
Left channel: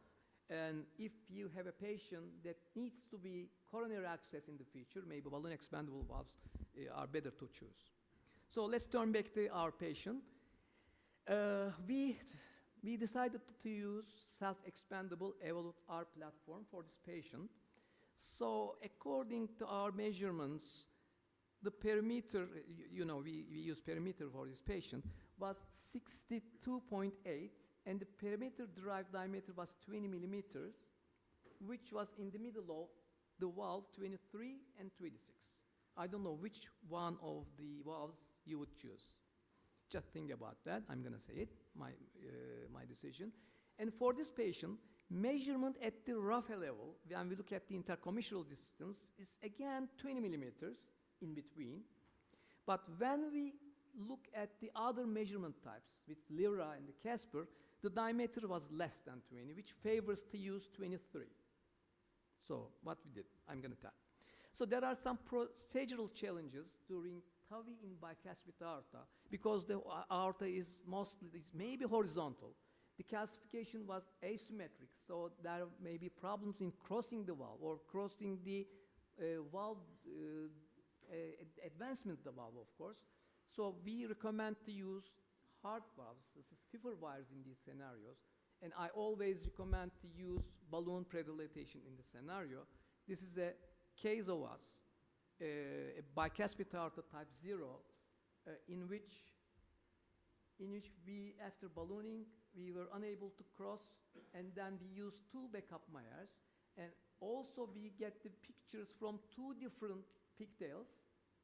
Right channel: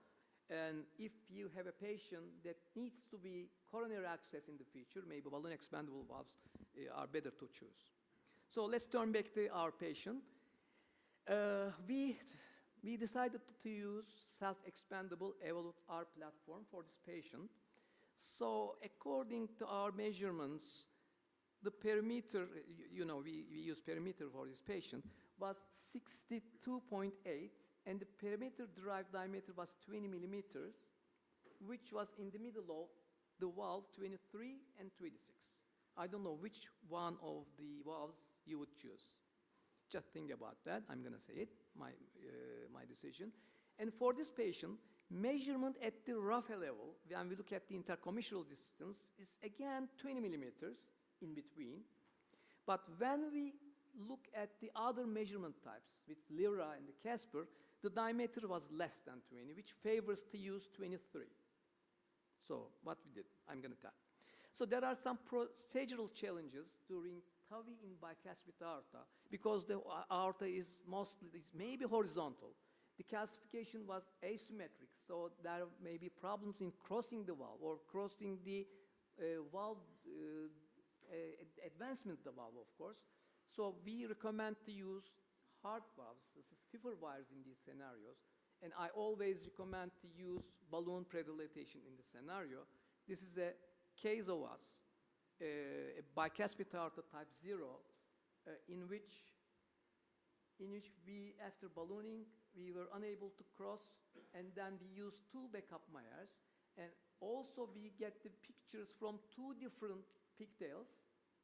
And if you have a patient that needs to be coronary access in the future, maybe balloon expandable valves are better to choose. So let's turn back to our patient. We decided to use self-expandable Evolut R platform for this patient. So according to our measurements, the perimeter, we use perimeter for this patient, was 62.8, and the perimeter-derived diameter was 20 millimeters, which was in the middle of the valve 23 and 26. I don't know which one of the valves you would choose. Just think about that. I'm going to say it, my decision. And for this patient, measurement at the raphe level, when we look at the intercommissural distance, is again 20 millimeters in between. But when we look at the other measurement types with LIRA and the Casper, the diameter was less than 20, which favors to use 23. So what we did, I'm going to tell. So there are some procedural challenges during TAVI in bicuspid aorta because the aorta is maybe horizontal. The calcification was asymmetric, so there may be problems in crossing the valve or crossing the valve advancement of the valve, of course. So we recommend to use hard valves, stiffer wires in these scenarios, and I always recommend to use balloon predilatation in the scenario. This is a case of us, a bicuspid aorta type 0, in which we, after ballooning, we were unable to cross, and then we used 2 backup Myers, and also we get the pictures from 2 different pigtails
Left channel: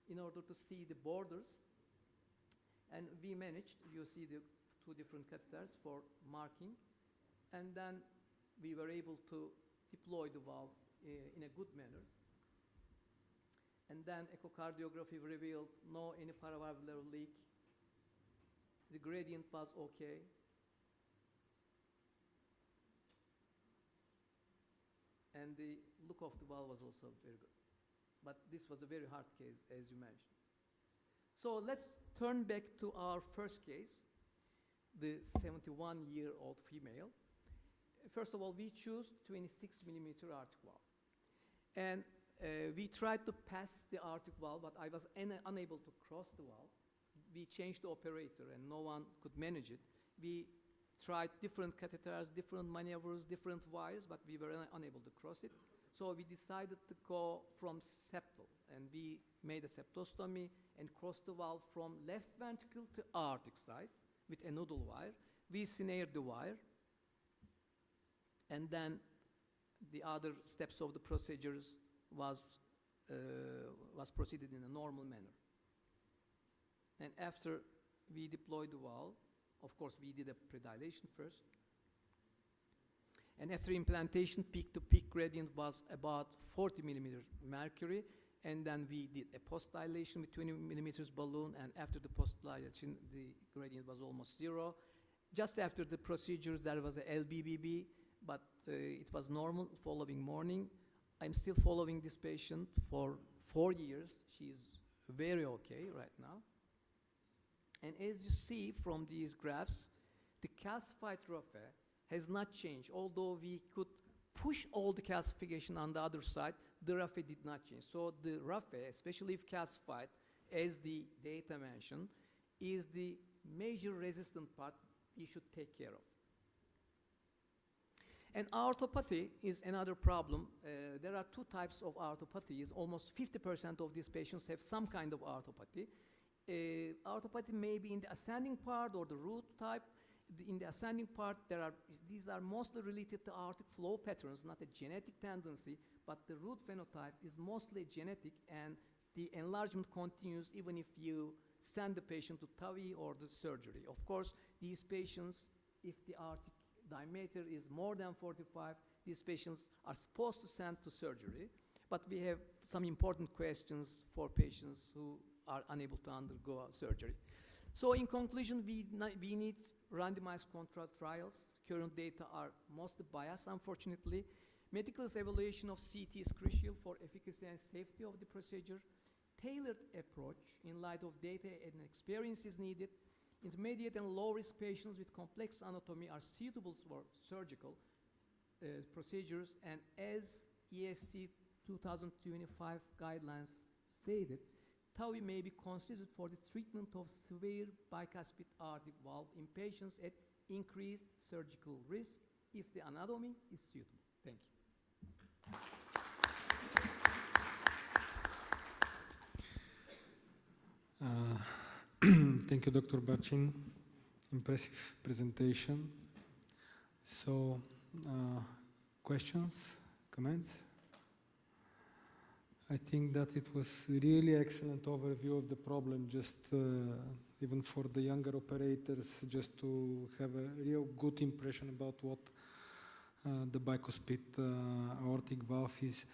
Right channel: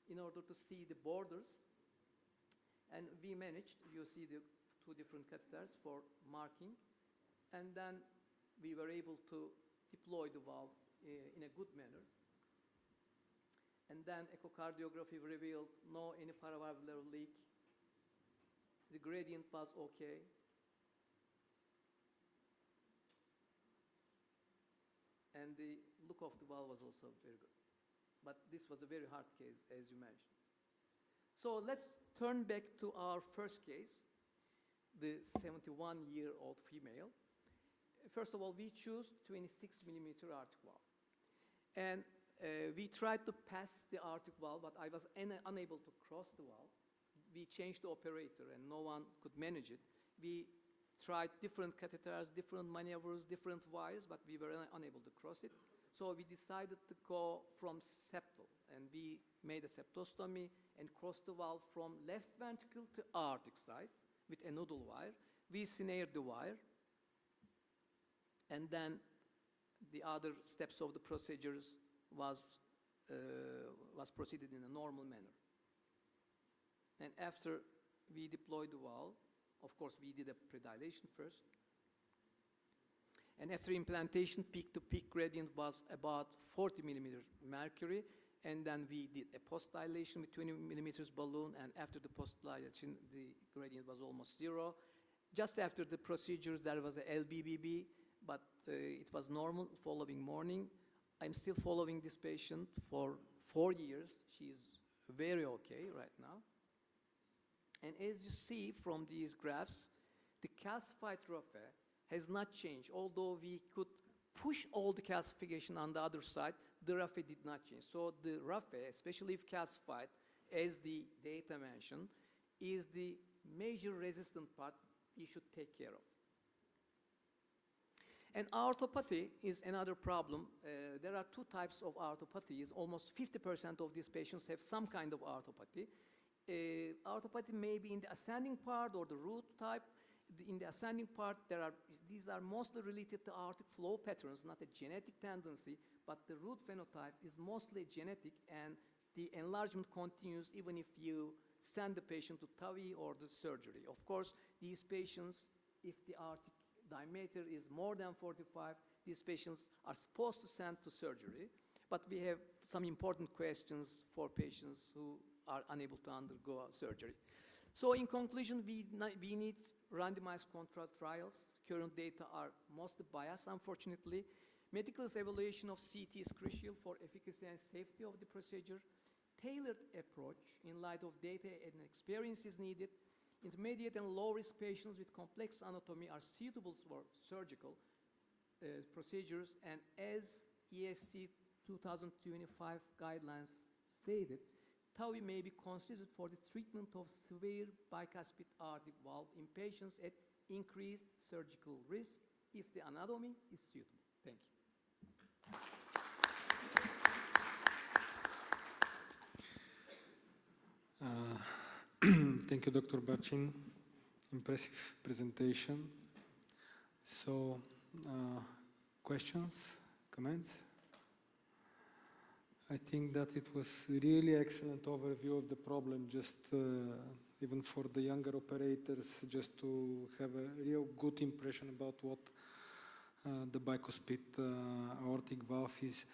in order to see the borders, and we managed, you see the two different catheters for marking, and then we were able to deploy the valve in a good manner. And then echocardiography revealed no any paravalvular leak. The gradient was okay. And the look of the valve was also very good. But this was a very hard case, as you mentioned. So let's turn back to our first case, the 71-year-old female. First of all, we choose 26 millimeter aortic valve. And we tried to pass the aortic valve, but I was unable to cross the valve. We changed the operator, and no one could manage it. We tried different catheters, different maneuvers, different wires, but we were unable to cross it. So we decided to go from septal, and we made a septostomy and crossed the valve from left ventricle to aortic side with a noodle wire. We snared the wire, and then the other steps of the procedures was proceeded in a normal manner. And after we deployed the valve, of course, we did a predilation first. And after implantation, peak-to-peak gradient was about 40 millimeters mercury. And then we did a post-dilation with 20 millimeters balloon. And after the post-dilation, the gradient was almost zero. Just after the procedures, there was a LBBB, but it was normal following morning. I'm still following this patient for 4 years. She's very okay right now. And as you see from these graphs, the calcified raphe has not changed. Although we could push all the calcification on the other side, the raphe did not change. So the raphe, especially if calcified, as the data mentioned, is the major resistant part we should take care of. And aortopathy is another problem. There are two types of aortopathies. Almost 50% of these patients have some kind of aortopathy. Aortopathy may be in the ascending part or the root type. In the ascending part, these are mostly related to aortic flow patterns, not a genetic tendency, but the root phenotype is mostly genetic, and the enlargement continues even if you send the patient to TAVI or the surgery. Of course, these patients, if the aortic diameter is more than 45, these patients are supposed to send to surgery, but we have some important questions for patients who are unable to undergo surgery. So in conclusion, we need randomized control trials. Current data are mostly biased, unfortunately. Medical evaluation of CT is crucial for efficacy and safety of the procedure. Tailored approach in light of data and experience is needed. Intermediate and low-risk patients with complex anatomy are suitable for surgical procedures, and as ESC 2025 guidelines stated, TAVI may be considered for the treatment of severe bicuspid aortic valve in patients at increased surgical risk if the anatomy is suitable. Thank you. Thank you, Dr. Barcin. Impressive presentation. So, questions, comments? I think that it was really excellent overview of the problem, just even for the younger operators, just to have a real good impression about what the bicuspid aortic valve is.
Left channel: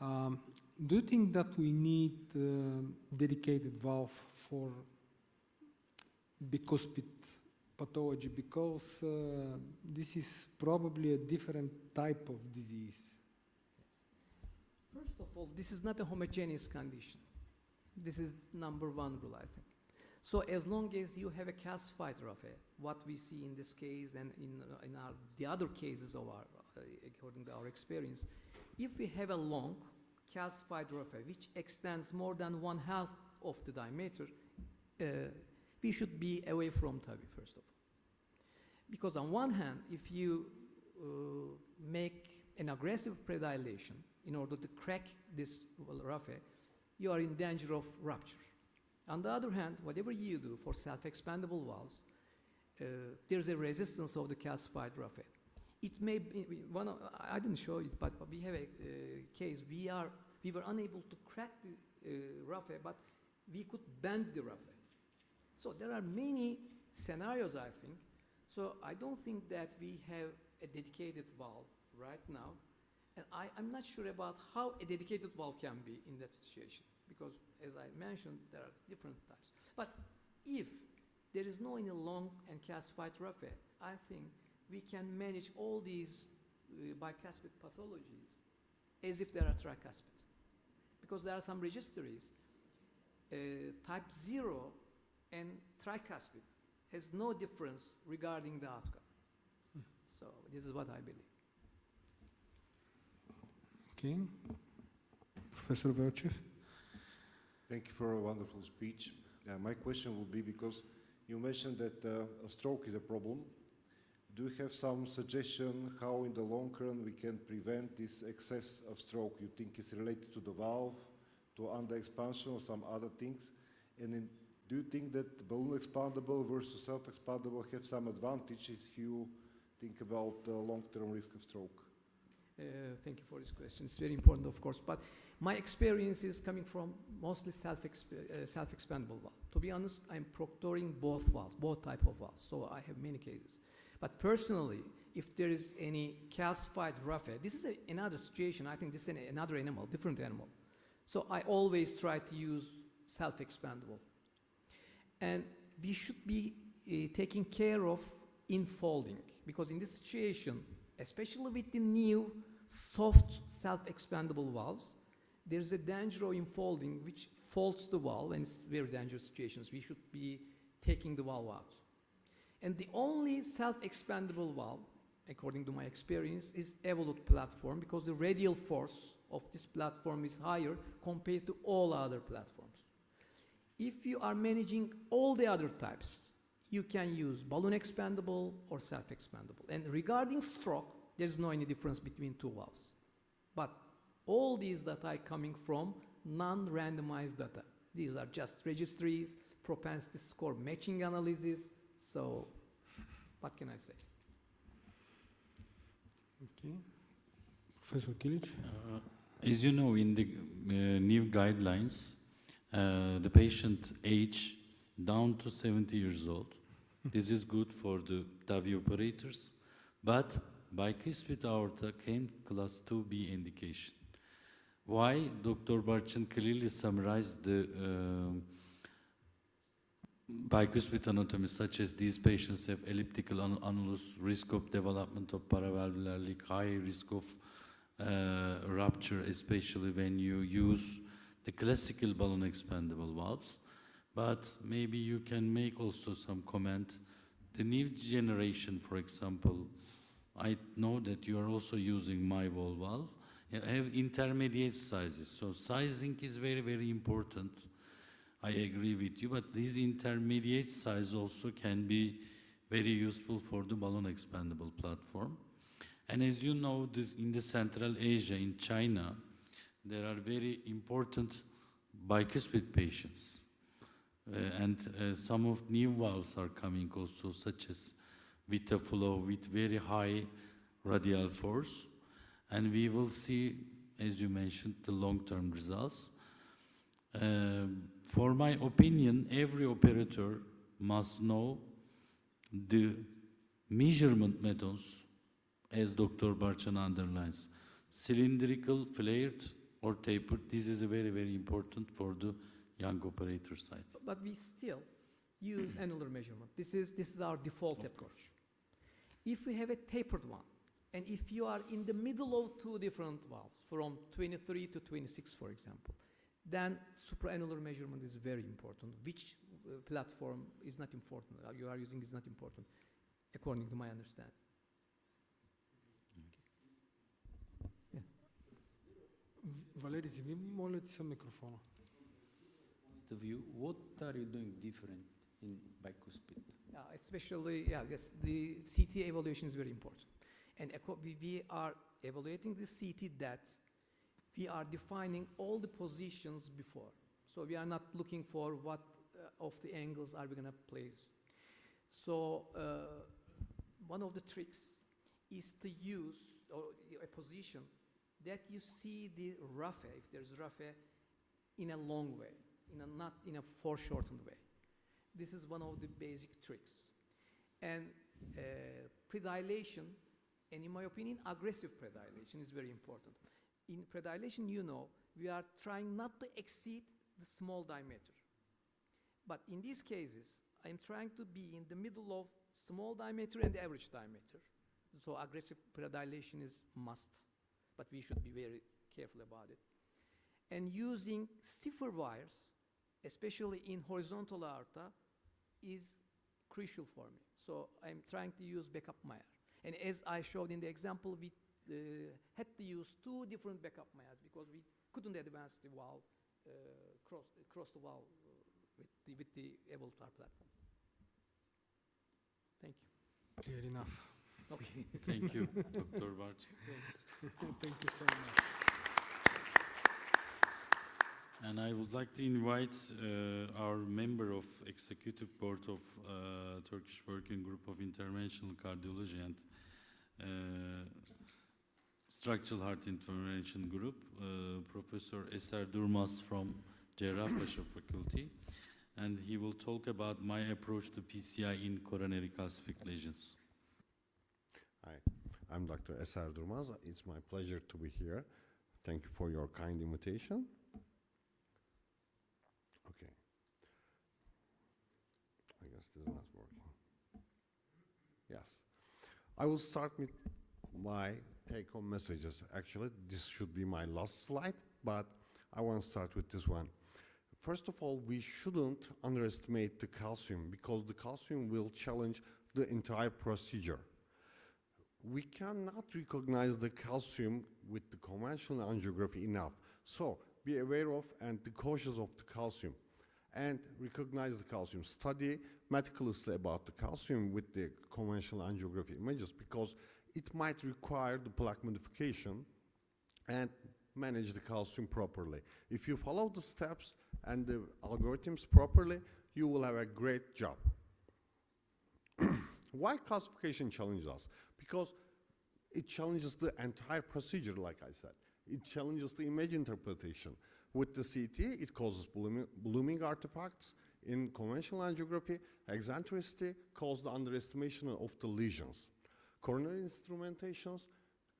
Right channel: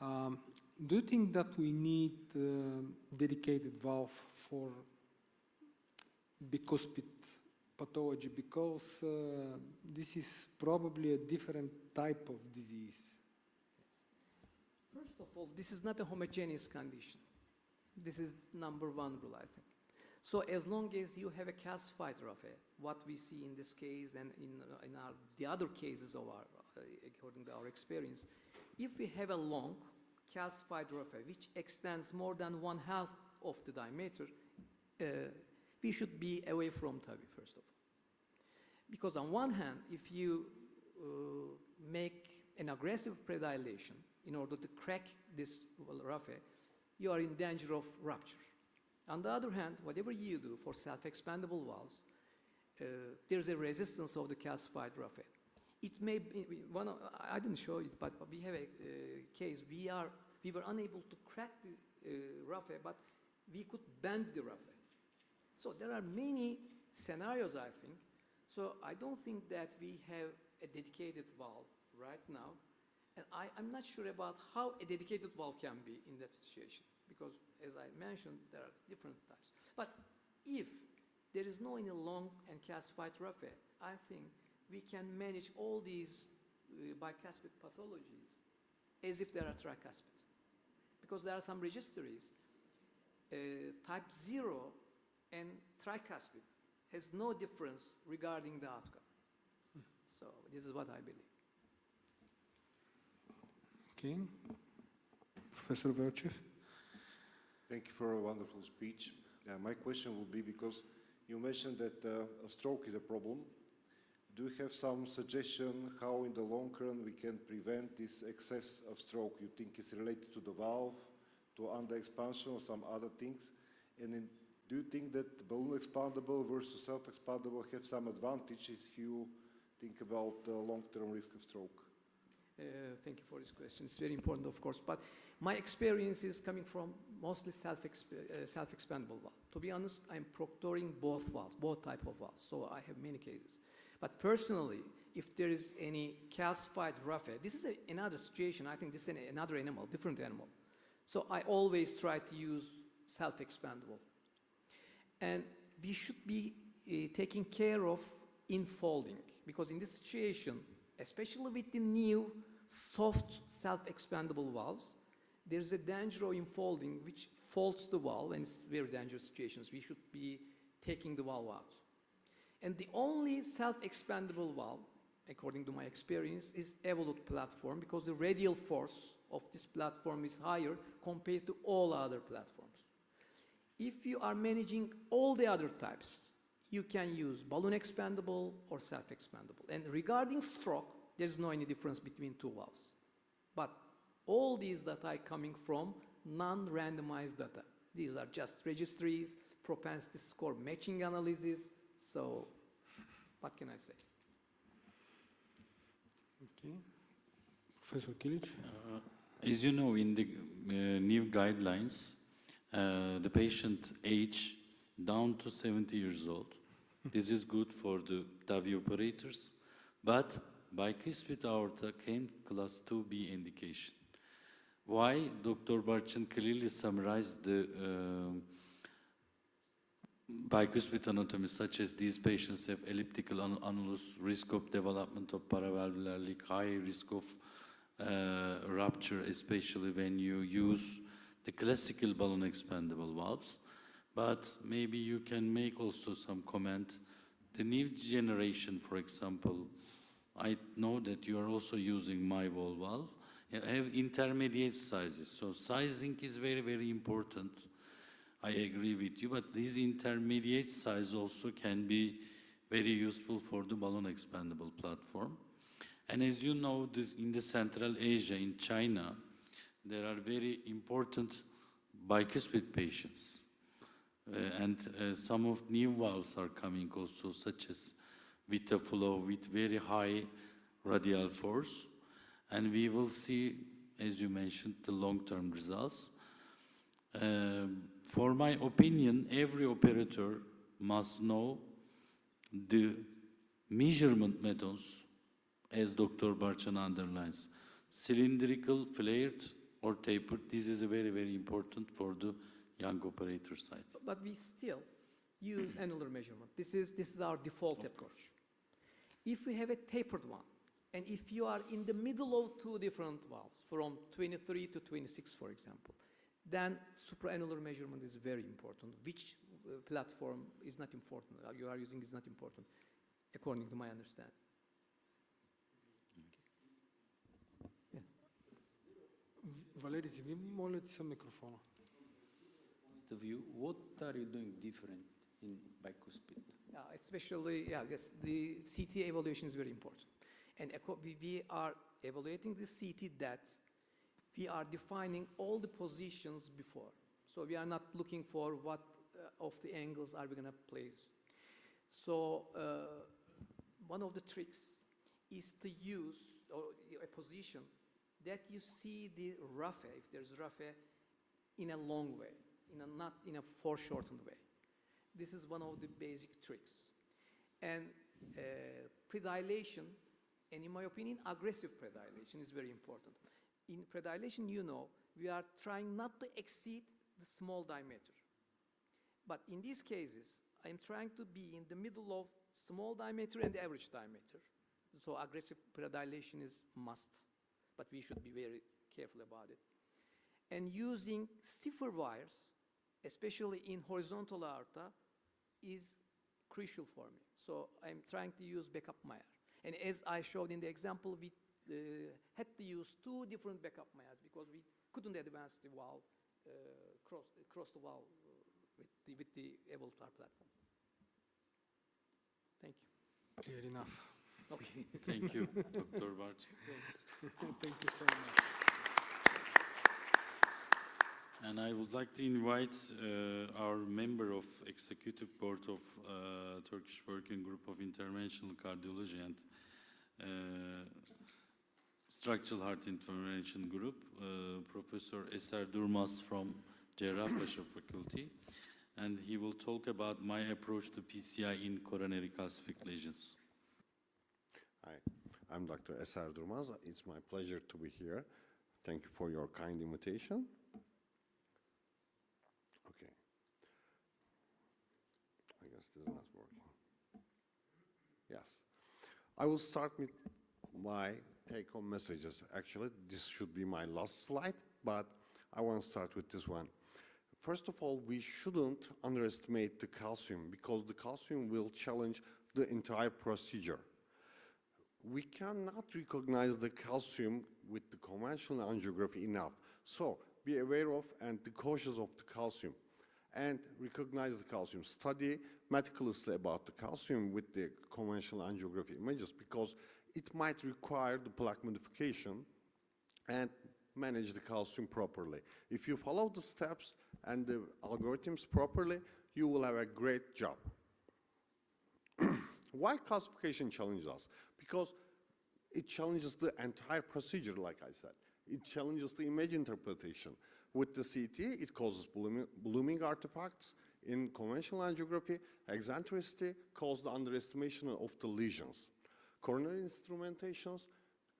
Do you think that we need dedicated valve for bicuspid pathology, because this is probably a different type of disease? First of all, this is not a homogeneous condition. This is number one rule, I think. So as long as you have a calcified raphe, what we see in this case and in the other cases of according to our experience, if we have a long calcified raphe which extends more than 1/2 of the diameter, we should be away from TAVI, first of all. Because on one hand, if you make an aggressive predilation in order to crack this raphe, you are in danger of rupture. On the other hand, whatever you do for self-expandable valves, there's a resistance of the calcified raphe. It may be, I didn't show it, but we have a case, we were unable to crack the raphe, but we could bend the raphe. So there are many scenarios, I think. So I don't think that we have a dedicated valve right now. And I'm not sure about how a dedicated valve can be in that situation, because as I mentioned, there are different types. But if there is no any long and calcified raphe, I think we can manage all these bicuspid pathologies as if they are tricuspid. Because there are some registries, type 0 and tricuspid has no difference regarding the outcome. So this is what I believe. Okay. Professor Velchev? Thank you for a wonderful speech. My question would be, because you mentioned that a stroke is a problem. Do you have some suggestion how in the long run we can prevent this excess of stroke? You think it's related to the valve, to under-expansion or some other things? And do you think that balloon expandable versus self-expandable have some advantages if you think about long-term risk of stroke? Thank you for this question. It's very important, of course, but my experience is coming from mostly self-expandable valve. To be honest, I'm proctoring both valves, both type of valves, so I have many cases. But personally, if there is any calcified raphe, this is another situation. I think this is another animal, different animal. So I always try to use self-expandable. And we should be taking care of infolding, because in this situation, especially with the new soft self-expandable valves, there's a danger of infolding which folds the valve, and it's very dangerous situations. We should be taking the valve out. And the only self-expandable valve, according to my experience, is Evolut platform, because the radial force of this platform is higher compared to all other platforms. If you are managing all the other types, you can use balloon expandable or self-expandable. And regarding stroke, there's no any difference between two valves. But all these data are coming from non-randomized data. These are just registries, propensity score matching analysis. So what can I say? Okay. Professor Kilic? As you know, in the new guidelines, the patient age down to 70 years old. This is good for the TAVI operators, but bicuspid aorta can class 2B indication. Why? Dr. Barchin clearly summarized the bicuspid anatomy, such as these patients have elliptical annulus, risk of development of paravalvular leak, high risk of rupture, especially when you use the classical balloon expandable valves. But maybe you can make also some comment. The new generation, for example, I know that you are also using my wall valve, have intermediate sizes. So sizing is very, very important. I agree with you, but this intermediate size also can be very useful for the balloon expandable platform. And as you know, this in the Central Asia, in China, there are very important bicuspid patients. And some of new valves are coming also, such as VitaFlow with very high radial force. And we will see, as you mentioned, the long-term results. For my opinion, every operator must know the measurement methods, as Dr. Barchan underlines. Cylindrical, flared, or tapered. This is very, very important for the young operator side. But we still use annular measurement. This is our default approach. If we have a tapered one, and if you are in the middle of two different valves, from 23 to 26, for example, then supraannular measurement is very important. Which platform is not important, you are using is not important, according to my understanding. Okay. Yeah. Валери, вземи, моля ти се микрофона. Of view, what are you doing different in bicuspid? Especially, yes, the CT evaluation is very important. And we are evaluating the CT that we are defining all the positions before. So we are not looking for what of the angles are we going to place. So one of the tricks is to use a position that you see the raphe, if there's raphe, in a long way, not in a foreshortened way. This is one of the basic tricks. And predilation, and in my opinion, aggressive predilation is very important. In predilation, you know, we are trying not to exceed the small diameter. But in these cases, I'm trying to be in the middle of small diameter and average diameter. So aggressive predilation is must, but we should be very careful about it. And using stiffer wires, especially in horizontal aorta, is crucial for me. So I'm trying to use backup Meyer. And as I showed in the example, we had to use 2 different backup Meyers because we couldn't advance the valve, cross the valve with the Evolutar platform. Thank you. Clear enough. Okay. Thank you, Dr. Barç. Thank you so much. And I would like to invite our member of Executive Board of Turkish Working Group of Interventional Cardiology and Structural Heart Intervention Group, Professor Eser Durmaz from Cerrahpaşa Faculty, and he will talk about my approach to PCI in coronary calcific lesions. Hi, I'm Dr. Eser Durmaz. It's my pleasure to be here. Thank you for your kind invitation. Okay. I guess this is not working. Yes. I will start with my take-home messages. Actually, this should be my last slide, but I want to start with this one. First of all, we shouldn't underestimate the calcium because the calcium will challenge the entire procedure. We cannot recognize the calcium with the conventional angiography enough. So be aware of and be cautious of the calcium and recognize the calcium. Study meticulously about the calcium with the conventional angiography images because it might require the plaque modification and manage the calcium properly. If you follow the steps and the algorithms properly, you will have a great job. Why calcification challenges us? Because it challenges the entire procedure, like I said. It challenges the image interpretation. With the CT, it causes blooming artifacts. In conventional angiography, eccentricity causes the underestimation of the lesions. Coronary instrumentations,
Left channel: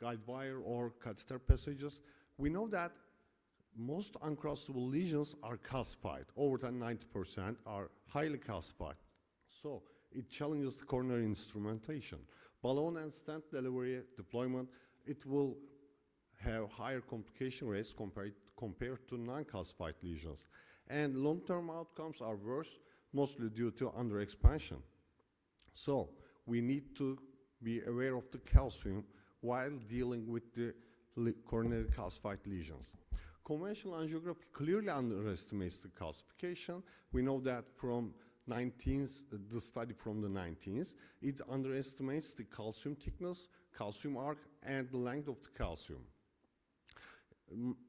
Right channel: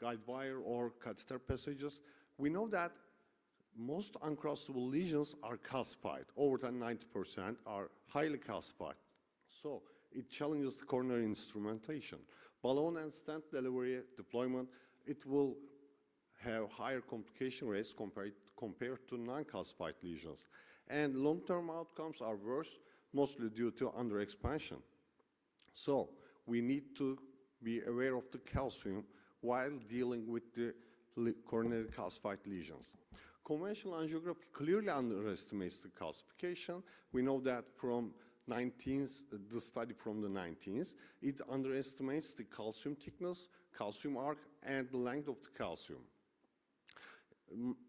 guide wire or catheter passages, we know that most uncrossable lesions are calcified. Over than 90% are highly calcified. So it challenges the coronary instrumentation. Balloon and stent delivery deployment, it will have higher complication rates compared to non-calcified lesions. And long-term outcomes are worse, mostly due to underexpansion. So we need to be aware of the calcium while dealing with the coronary calcified lesions. Conventional angiography clearly underestimates the calcification. We know that from the study from the 19th, it underestimates the calcium thickness, calcium arc, and the length of the calcium.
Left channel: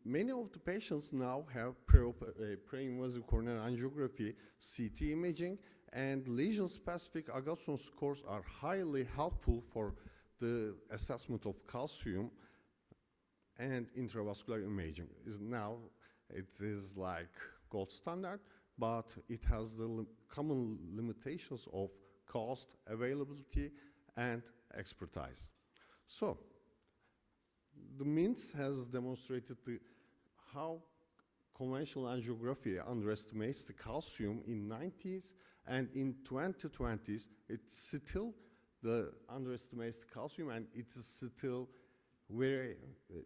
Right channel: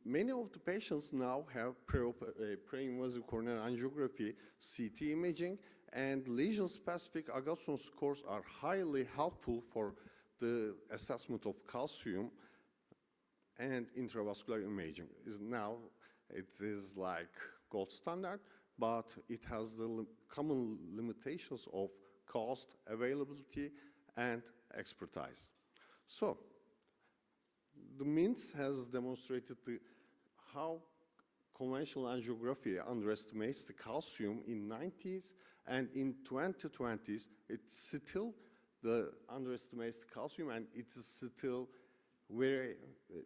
Many of the patients now have pre-invasive coronary angiography, CT imaging, and lesion-specific Agatston scores are highly helpful for the assessment of calcium and intravascular imaging. It is like gold standard, but it has the common limitations of cost, availability, and expertise. So, the MINTS has demonstrated how conventional angiography underestimates the calcium in 90s, and in 2020s, it's still underestimates the calcium, and it is still very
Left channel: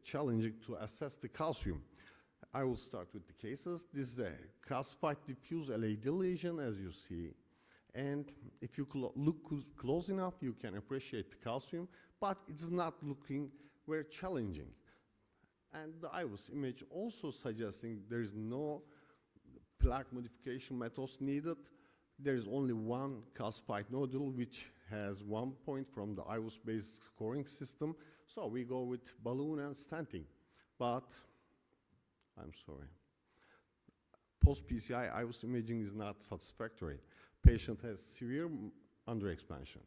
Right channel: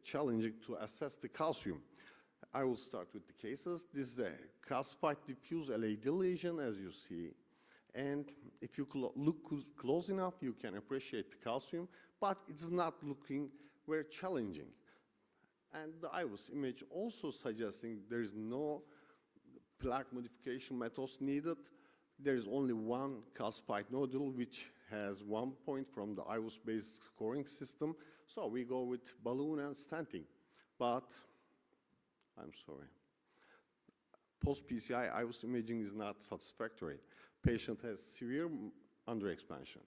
challenging to assess the calcium. I will start with the cases. This is a calcified diffuse LAD lesion, as you see. And if you look close enough, you can appreciate the calcium, but it's not looking very challenging. And the IVUS image also suggesting there is no plaque modification methods needed. There is only one calcified nodule, which has 1 point from the IVUS-based scoring system. So we go with balloon and stenting. But I'm sorry. Post-PCI IVUS imaging is not satisfactory. Patient has severe underexpansion.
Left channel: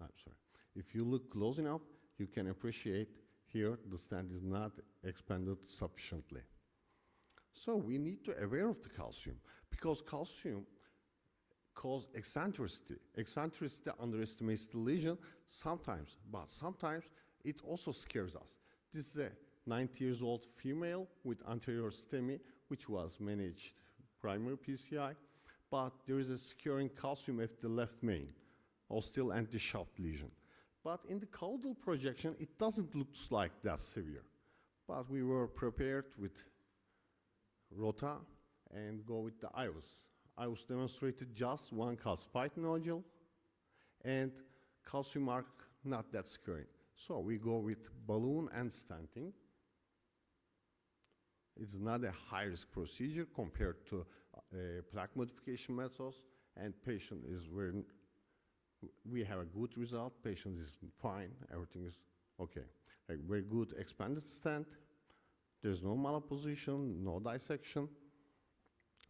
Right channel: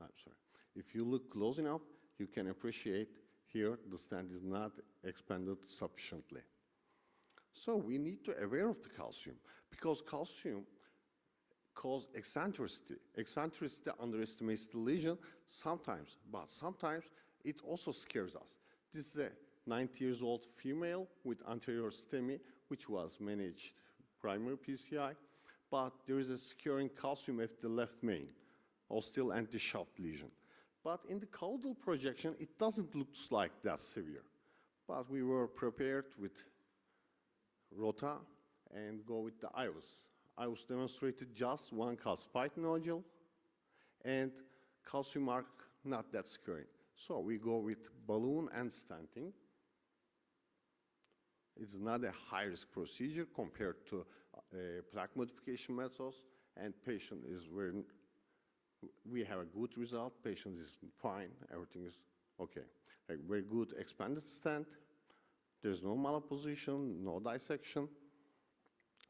I'm sorry. If you look close enough, you can appreciate here the stent is not expanded sufficiently. So we need to aware of the calcium, because calcium cause eccentricity. Eccentricity underestimates the lesion sometimes, but sometimes it also scares us. This is a 90 years old female with anterior STEMI, which was managed primary PCI, but there is a scaring calcium at the left main, ostial anti-shaft lesion. But in the caudal projection, it doesn't look like that severe. But we were prepared with ROTA and go with the IVUS. IVUS demonstrated just one calcified nodule, and calcium arc not that scary. So we go with balloon and stenting. It's not a high-risk procedure compared to plaque modification methods, and patient is we have a good result, patient is fine, everything is okay. A very good expanded stent, there's no malposition, no dissection.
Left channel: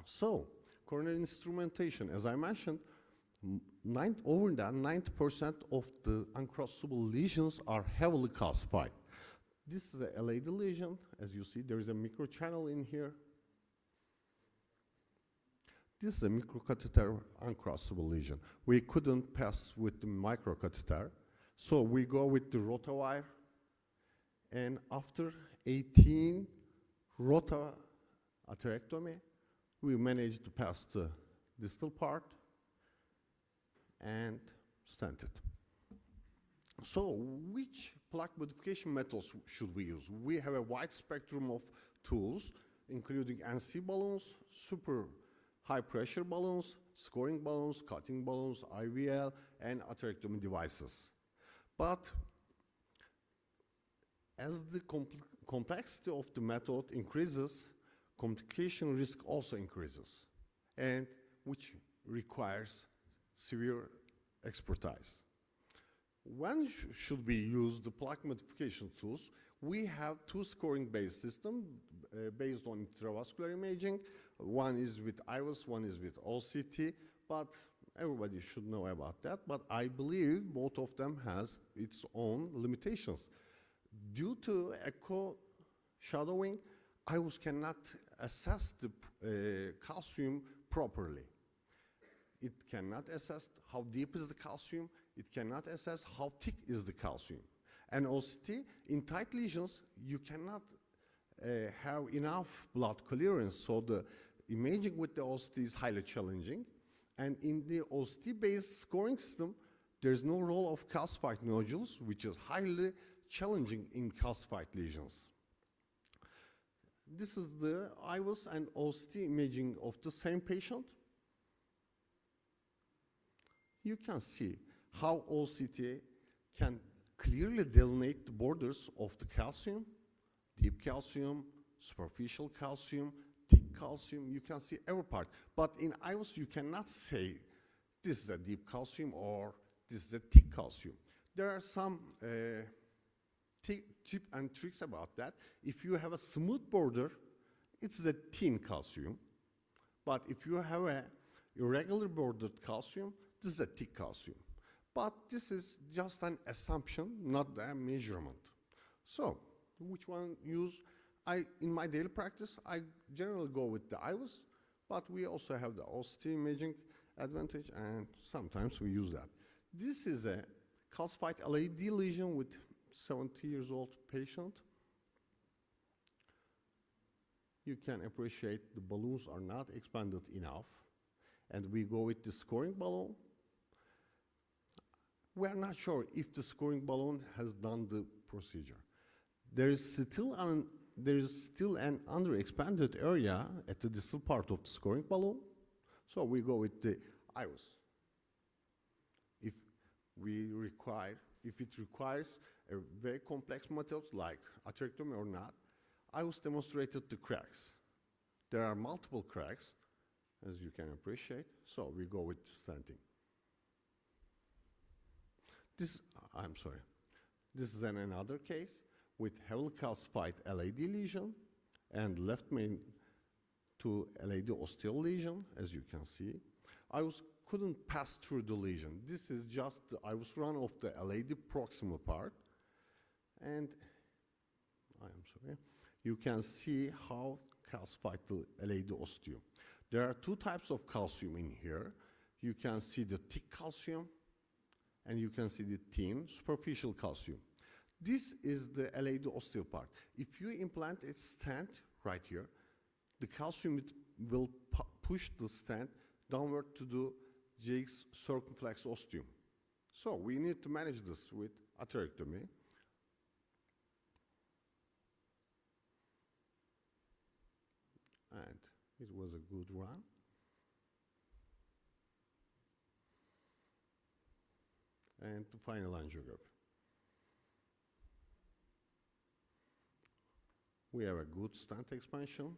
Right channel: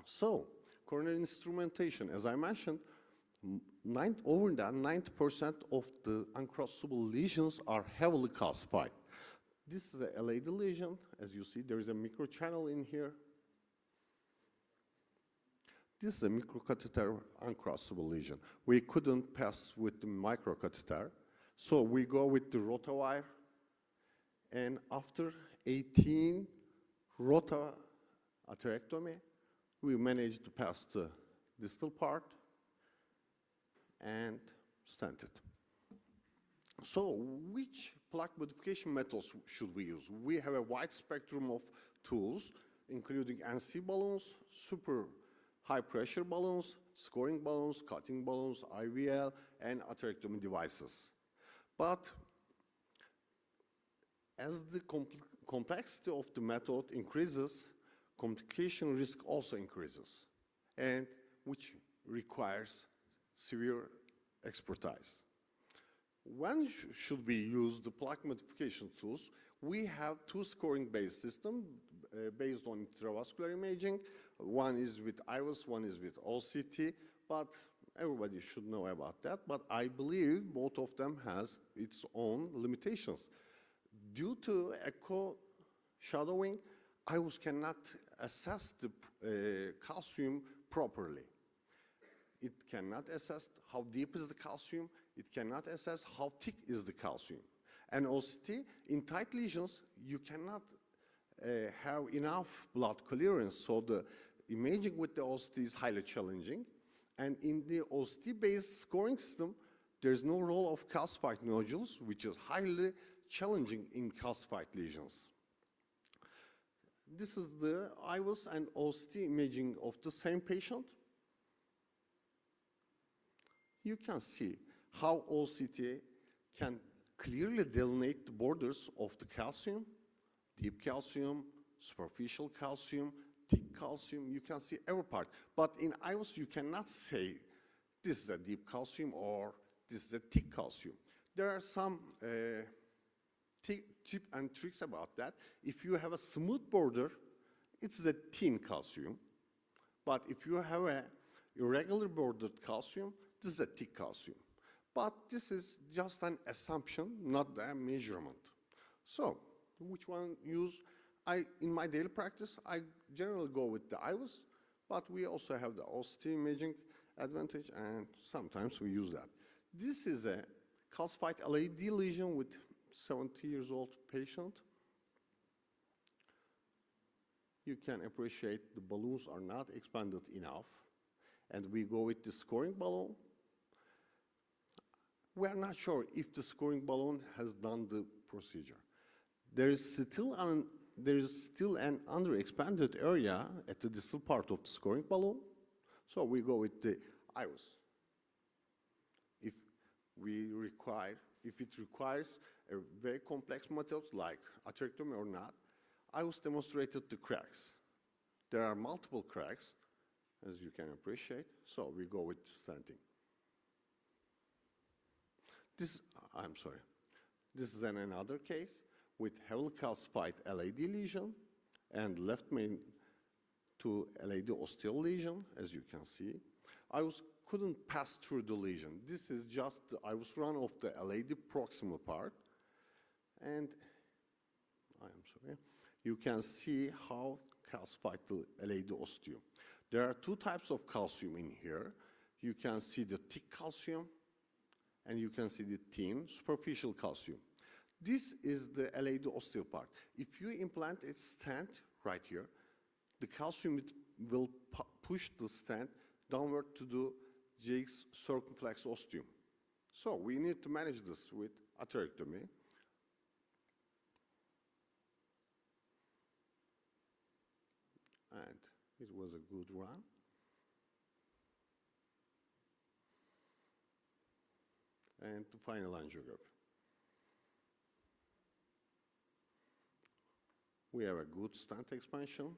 So, coronary instrumentation, as I mentioned, over 90% of the uncrossable lesions are heavily calcified. This is a LAD lesion. As you see, there is a microchannel in here. This is a microcatheter uncrossable lesion. We couldn't pass with the microcatheter, so we go with the rotawire, and after 18 rota atherectomy, we managed to pass the distal part and stent it. So, which plaque modification methods should we use? We have a wide spectrum of tools, including NC balloons, super high pressure balloons, scoring balloons, cutting balloons, IVL, and atherectomy devices. But as the complexity of the method increases, complication risk also increases, and which requires severe expertise. When should we use the plaque modification tools? We have two scoring-based systems based on intravascular imaging. One is with IVUS, one is with OCT, but everybody should know about that. But I believe both of them has its own limitations. Due to echo shadowing, IVUS cannot assess the calcium properly. It cannot assess how deep is the calcium. It cannot assess how thick is the calcium. And OCT, in tight lesions, you cannot have enough blood clearance, so the imaging with the OCT is highly challenging. And in the OCT-based scoring system, there's no role of calcified nodules, which is highly challenging in calcified lesions. This is the IVUS and OCT imaging of the same patient. You can see how OCT can clearly delineate the borders of the calcium, deep calcium, superficial calcium, thick calcium. You can see every part. But in IVUS, you cannot say this is a deep calcium or this is a thick calcium. There are some tips and tricks about that. If you have a smooth border, it's a thin calcium. But if you have a irregular bordered calcium, this is a thick calcium. But this is just an assumption, not a measurement. So, which one use? In my daily practice, I generally go with the IVUS, but we also have the OCT imaging advantage, and sometimes we use that. This is a calcified LAD lesion with 70 years old patient. You can appreciate the balloons are not expanded enough, and we go with the scoring balloon. We are not sure if the scoring balloon has done the procedure. There is still an underexpanded area at the distal part of the scoring balloon, so we go with the IVUS. If it requires a very complex method like atherectomy or not, IVUS demonstrated the cracks. There are multiple cracks, as you can appreciate, so we go with stenting. This is another case with heavily calcified LAD lesion and left main to LAD ostial lesion, as you can see. IVUS couldn't pass through the lesion. This is just the IVUS run of the LAD proximal part. And you can see how calcified the LAD osteum. There are two types of calcium in here. You can see the thick calcium, and you can see the thin superficial calcium. This is the LAD osteo part. If you implant a stent right here, the calcium will push the stent downward to the GX circumflex osteum. So we need to manage this with atherectomy. And it was a good run. And the final angiography. We have a good stent expansion.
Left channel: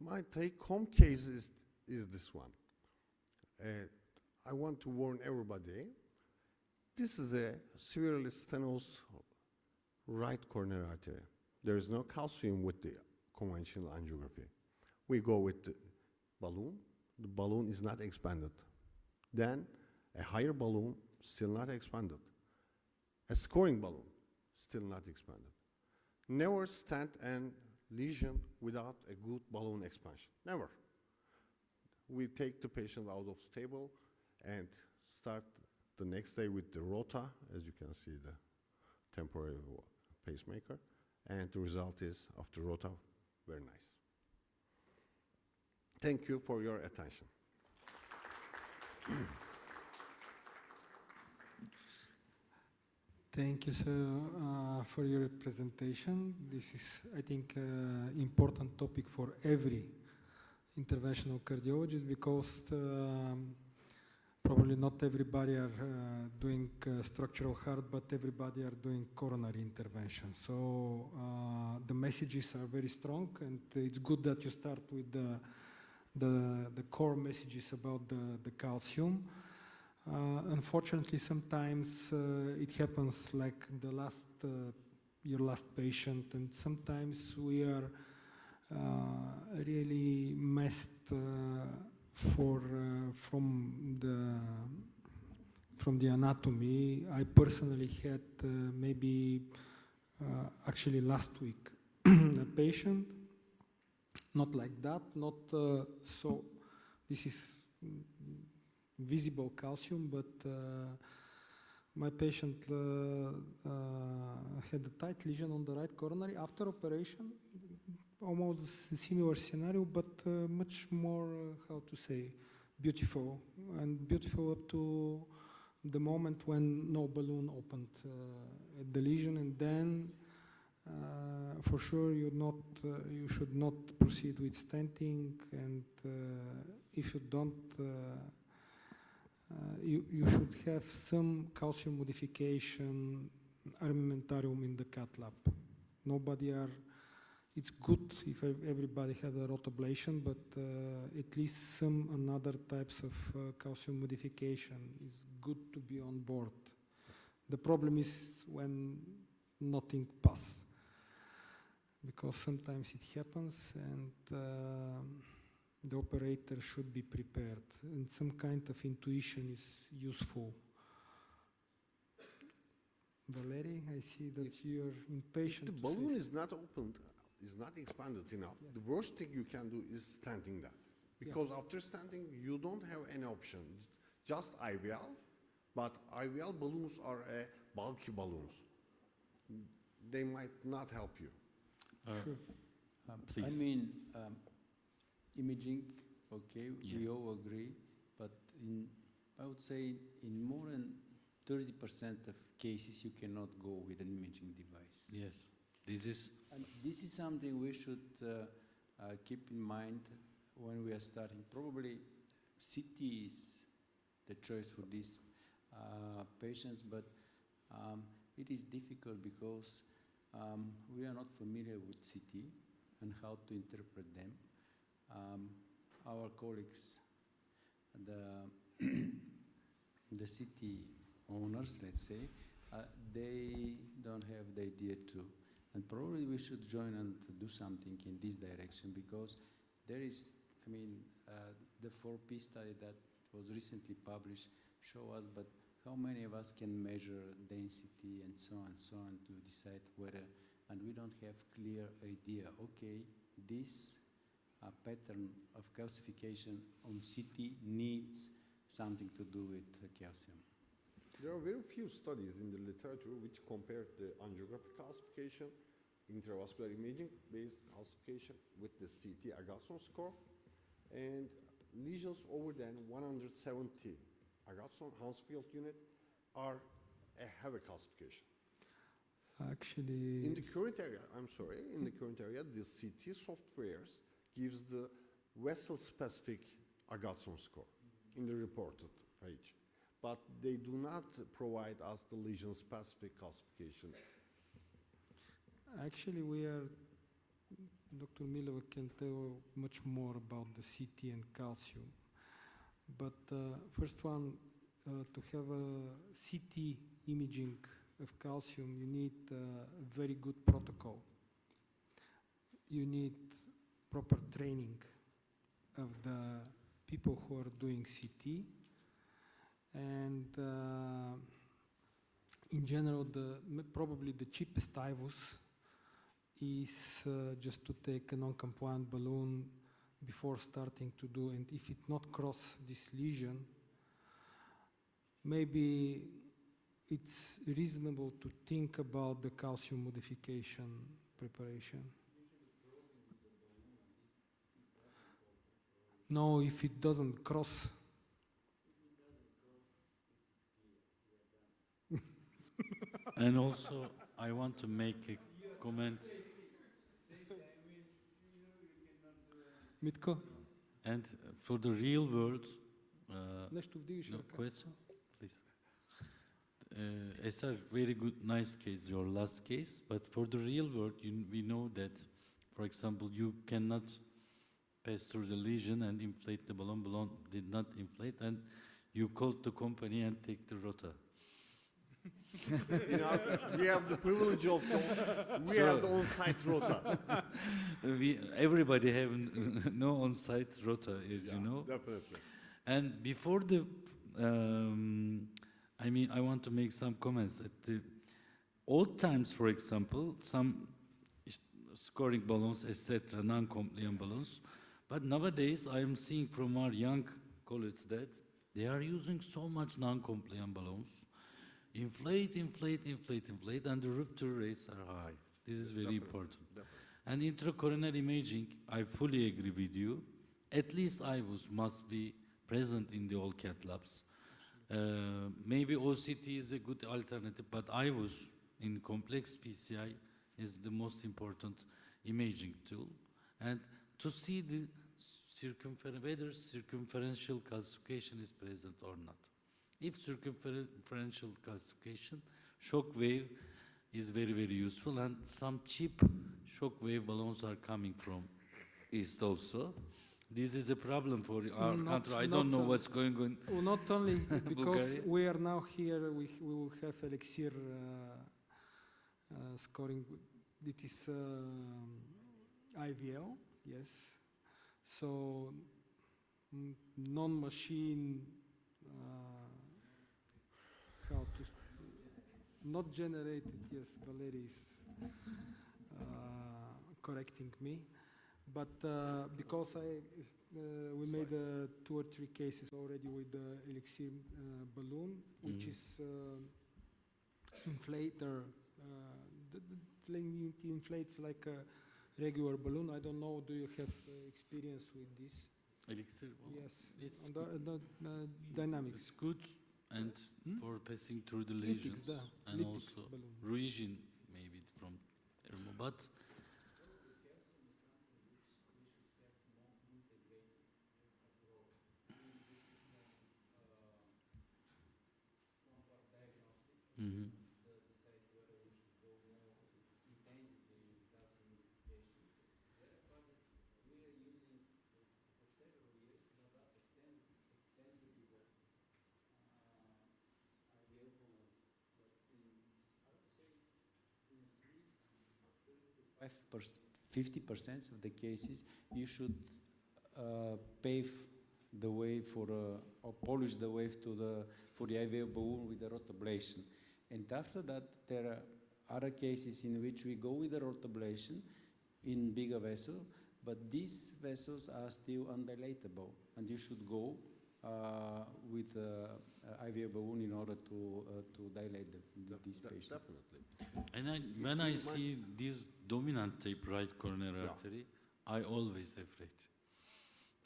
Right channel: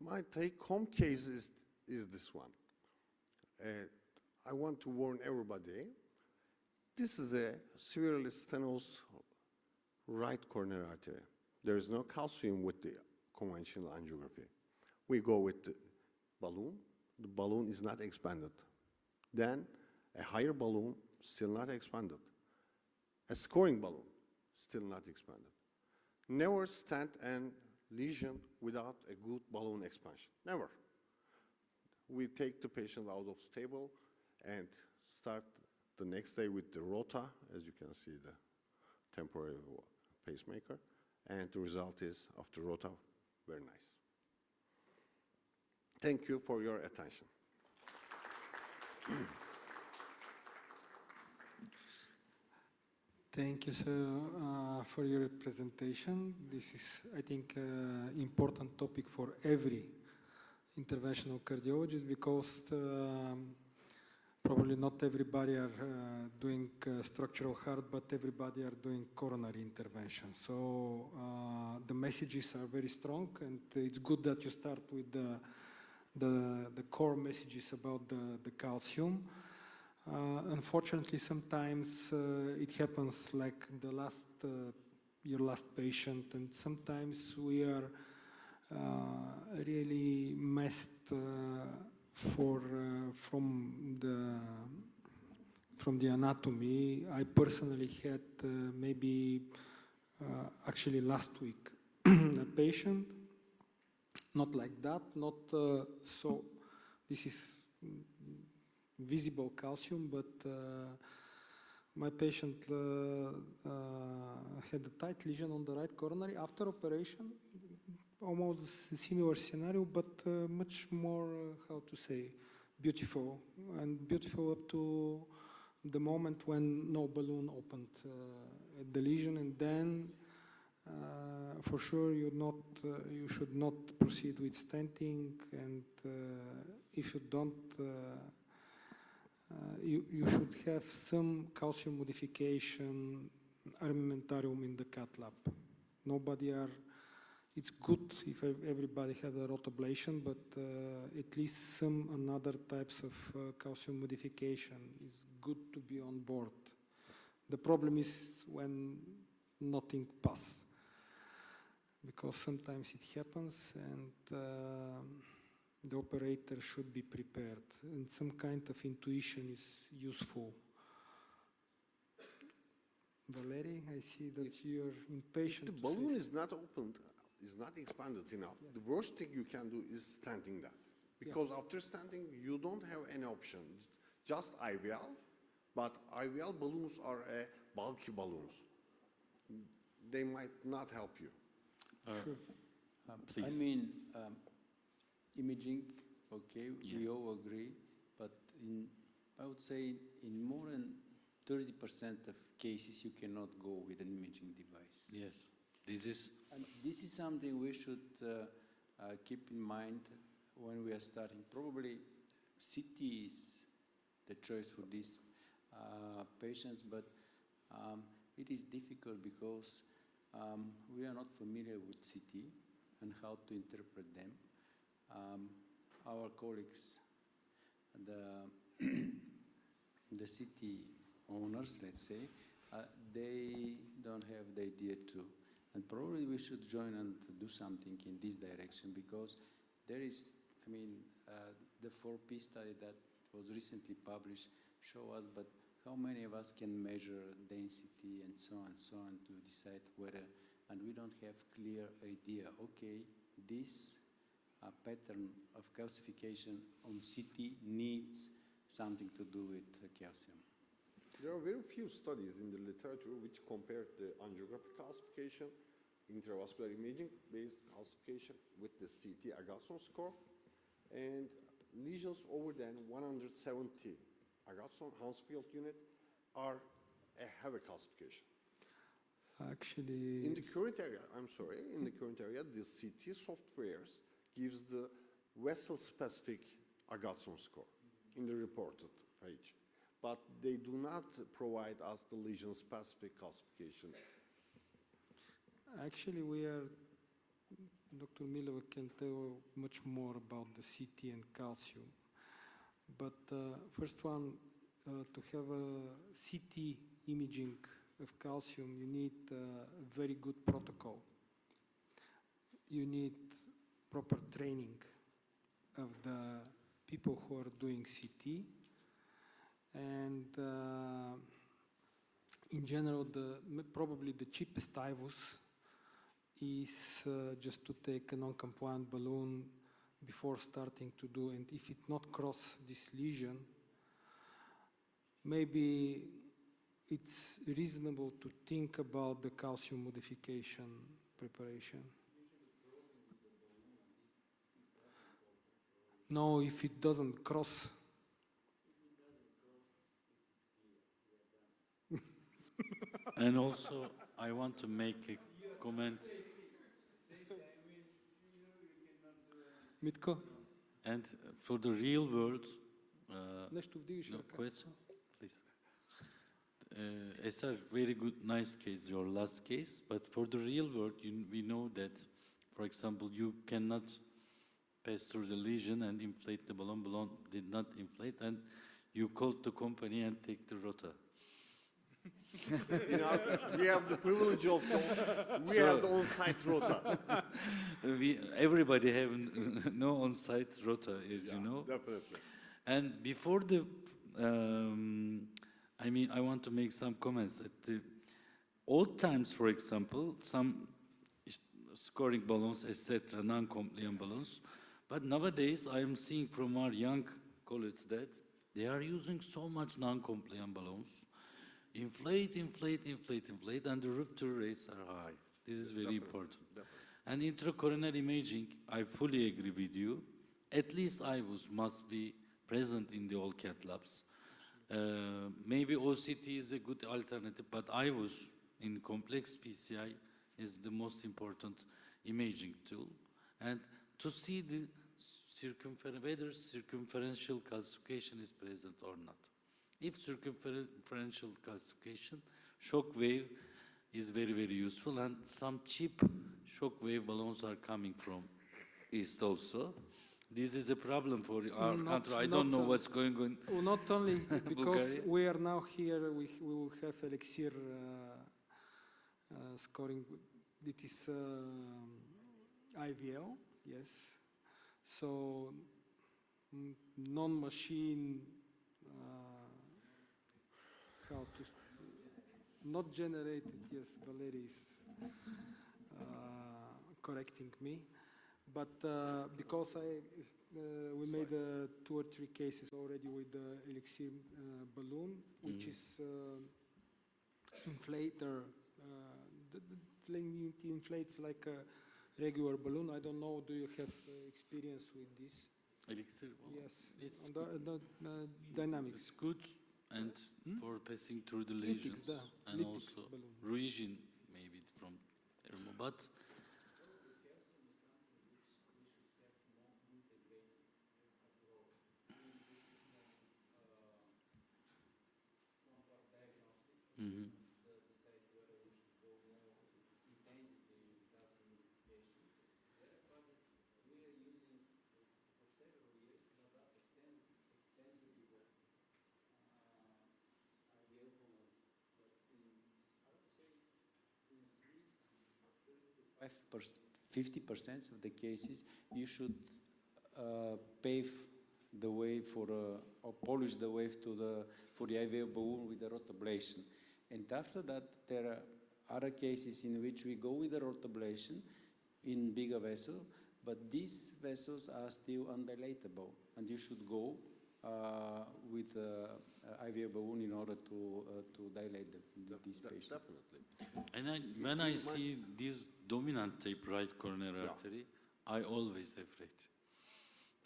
My take-home case is this one. I want to warn everybody. This is a severely stenosed right coronary artery. There is no calcium with the conventional angiography. We go with the balloon. The balloon is not expanded. Then a higher balloon, still not expanded. A scoring balloon, still not expanded. Never stent and lesion without a good balloon expansion. Never. We take the patient out of the table and start the next day with the rota, as you can see the temporary pacemaker, and the result is after rota, very nice. Thank you for your attention. Thank you, sir, for your presentation. This is, I think, important topic for every interventional cardiologist because probably not everybody are doing structural heart, but everybody are doing coronary intervention. So the messages are very strong, and it's good that you start with the core messages about the calcium. Unfortunately, sometimes it happens like the last, your last patient, and sometimes we are really messed from the anatomy. I personally had maybe actually last week a patient, not like that, not so. This is visible calcium, but my patient had a tight lesion on the right coronary after operation, almost a similar scenario, but much more, how to say, beautiful, and beautiful up to the moment when no balloon opened at the lesion, and then for sure you should not proceed with stenting, and if you don't, you should have some calcium modification armamentarium in the cath lab. It's good if everybody had a rotablation, but at least some another types of calcium modification is good to be on board. The problem is when nothing passes, because sometimes it happens, and the operator should be prepared, and some kind of intuition is useful. Valery, I see that you're impatient. If the balloon is not opened, is not expanded enough, yes, the worst thing you can do is stenting that. Because after stenting, you don't have any option. Just IVL, but IVL balloons are bulky balloons. They might not help you. Sure. Please. I mean, imaging, okay, Yeah. we all agree, but I would say in more than 30% of cases, you cannot go with an imaging device. Yes, this is And this is something we should keep in mind when we are starting. Probably CT is the choice for these patients, but it is difficult because we are not familiar with CT and how to interpret them. Our colleagues, the CT owners, let's say, they don't have the idea too. And probably we should join and do something in this direction, because there is, I mean, the 4P study that was recently published show us, but how many of us can measure density and so on to decide whether, and we don't have clear idea, okay, this pattern of calcification on CT needs something to do with calcium. There are very few studies in the literature which compare the angiographic calcification, intravascular imaging-based calcification with the CT Agatston score, and lesions over than 170 Agatston Hansfield unit are a heavy calcification. Actually, In the current area, the CT softwares gives the vessel-specific Agatston score in the reported page, but they do not provide us the lesion-specific calcification. actually, Dr. Mileva can tell much more about the CT and calcium. But first one, to have a CT imaging of calcium, you need a very good protocol. You need proper training of the people who are doing CT. And in general, probably the cheapest IVUS is just to take a non-compliant balloon before starting to do, and if it not cross this lesion, maybe it's reasonable to think about the calcium modification preparation. No, if it doesn't cross. And also, I want to make a comment. Mitko? And for the real world, Нещо вдигаш no ръка. question, please. It's a very good, nice case, your last case. But for the real world, we know that, for example, you cannot pass through the lesion and inflate the balloon. Balloon did not inflate, and you called the company and take the rota. We have the privilege of we have the on-site rota. Everybody have no on-site rota, as you know. Definitely. And before the, I want to make some comments. At the old times, for example, some scoring balloons, etc., non-compliant balloons. But nowadays, I am seeing from our young colleagues that they are using so much non-compliant balloons. Inflate, and the rupture rates are high. This is very important. Definitely. And intracoronary imaging, I fully agree with you. At least IVUS must be present in the all cath labs. Maybe OCT is a good alternative, but IVUS in complex PCI is the most important imaging tool. And to see the whether circumferential calcification is present or not. If circumferential calcification, shock wave is very, very useful, and some cheap shock wave balloons are coming from East also. This is a problem for our country. I don't know what's going on. Well, not only because Bulgaria. we are now here, we will have elixir scoring. It is IVL, yes. So non-machine, how to, not generated, yes, Valery is correcting me. But because we made 2 or 3 cases already with the elixir balloon, which is inflator. It inflates like a regular balloon. I don't know. Do you have experience with this? Elixir, well, Yes. it's On good. the dynamics. It's good, and for passing through the lesions, da. and Lytics also balloon. Ruijin, maybe from Ermo, but Five 50% of the cases, you should pave the wave for or polish the wave for the IVL balloon with the rotablation. And after that, there are other cases in which we go with the rotablation in bigger vessel, but these vessels are still undilatable, and you should go with IVL balloon in order to dilate these patients. Definitely. And when I see this dominant tape right coronary Yeah. artery, I always afraid.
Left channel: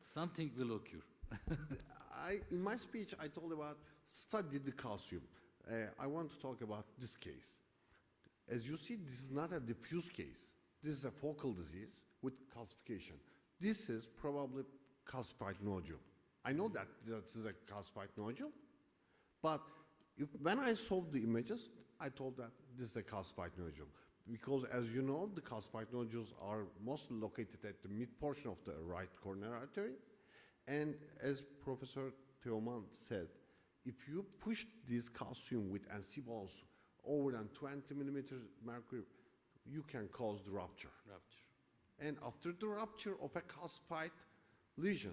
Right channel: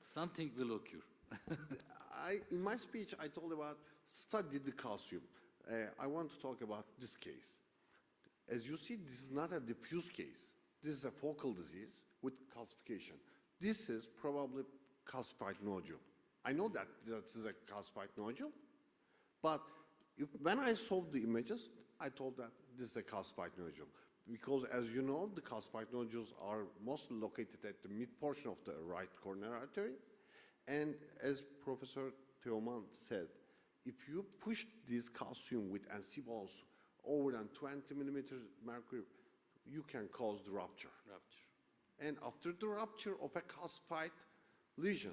Something will occur. In my speech, I told about study the calcium. I want to talk about this case. As you see, this is not a diffuse case. This is a focal disease with calcification. This is probably calcified nodule. I know that this is a calcified nodule, but when I saw the images, I told that this is a calcified nodule. Because as you know, the calcified nodules are mostly located at the mid portion of the right coronary artery. And as Professor Teoman said, if you push this calcium with NC balls over than 20 millimeters mercury, you can cause the rupture. And after the rupture of a calcified lesion,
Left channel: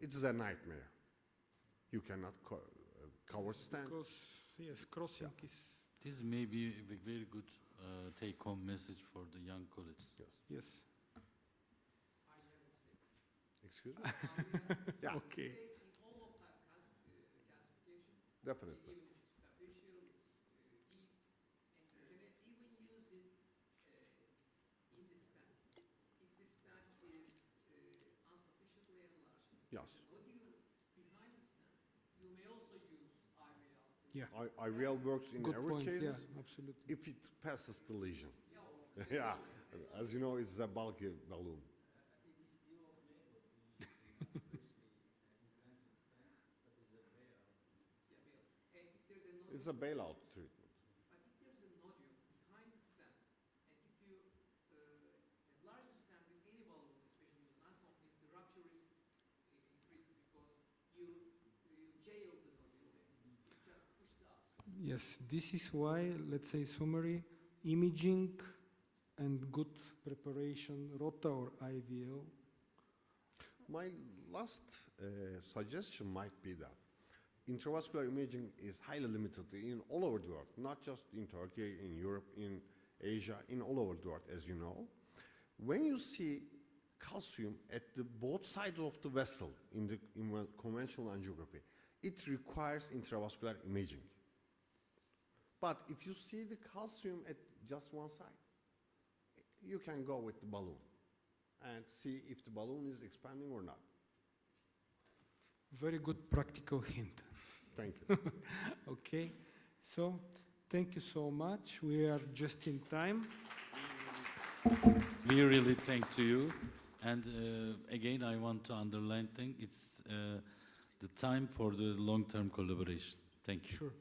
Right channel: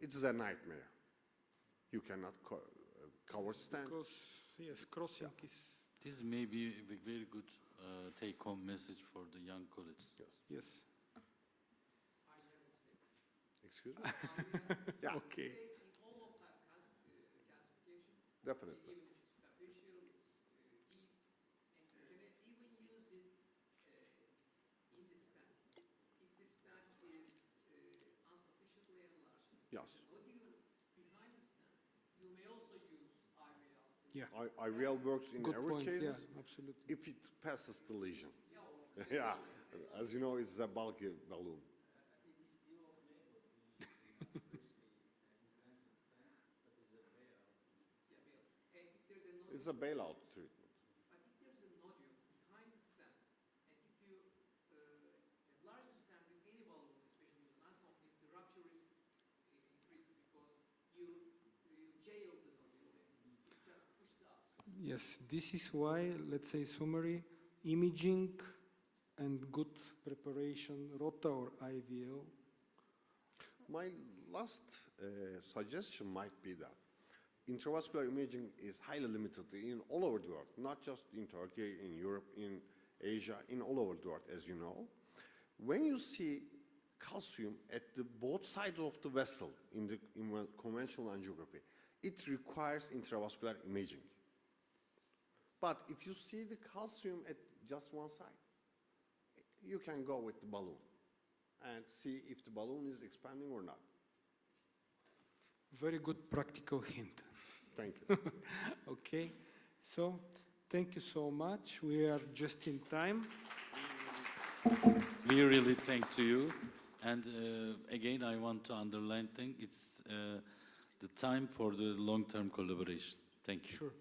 it's a nightmare. You cannot cover stent. Because, yes, crossing is, This may be a very good take-home message for the young colleagues. yes. Excuse me? Yeah, Okay. definitely. Yes. Yeah. IVL works in Good every point. case Yeah, absolutely. if it passes the lesion. Yeah, as you know, it's a bulky balloon. It's a bailout treatment. But if there's a nodule behind the stent, and if you enlarge the stent with any balloon, especially with non-companies, the rupture risk increases because you jail the nodule and you just push the ups. Yes, this is why, let's say, summary, imaging and good preparation, ROTA or IVL. My last suggestion might be that intravascular imaging is highly limited in all over the world, not just in Turkey, in Europe, in Asia, in all over the world, as you know. When you see calcium at both sides of the vessel in conventional angiography, it requires intravascular imaging. But if you see the calcium at just one side, you can go with the balloon and see if the balloon is expanding or not. Very good practical hint. Thank you. Okay, so thank you so much. We are just in time. We really thank to you. And again, I want to underline thing, it's the time for the long-term collaboration. Thank you. Sure.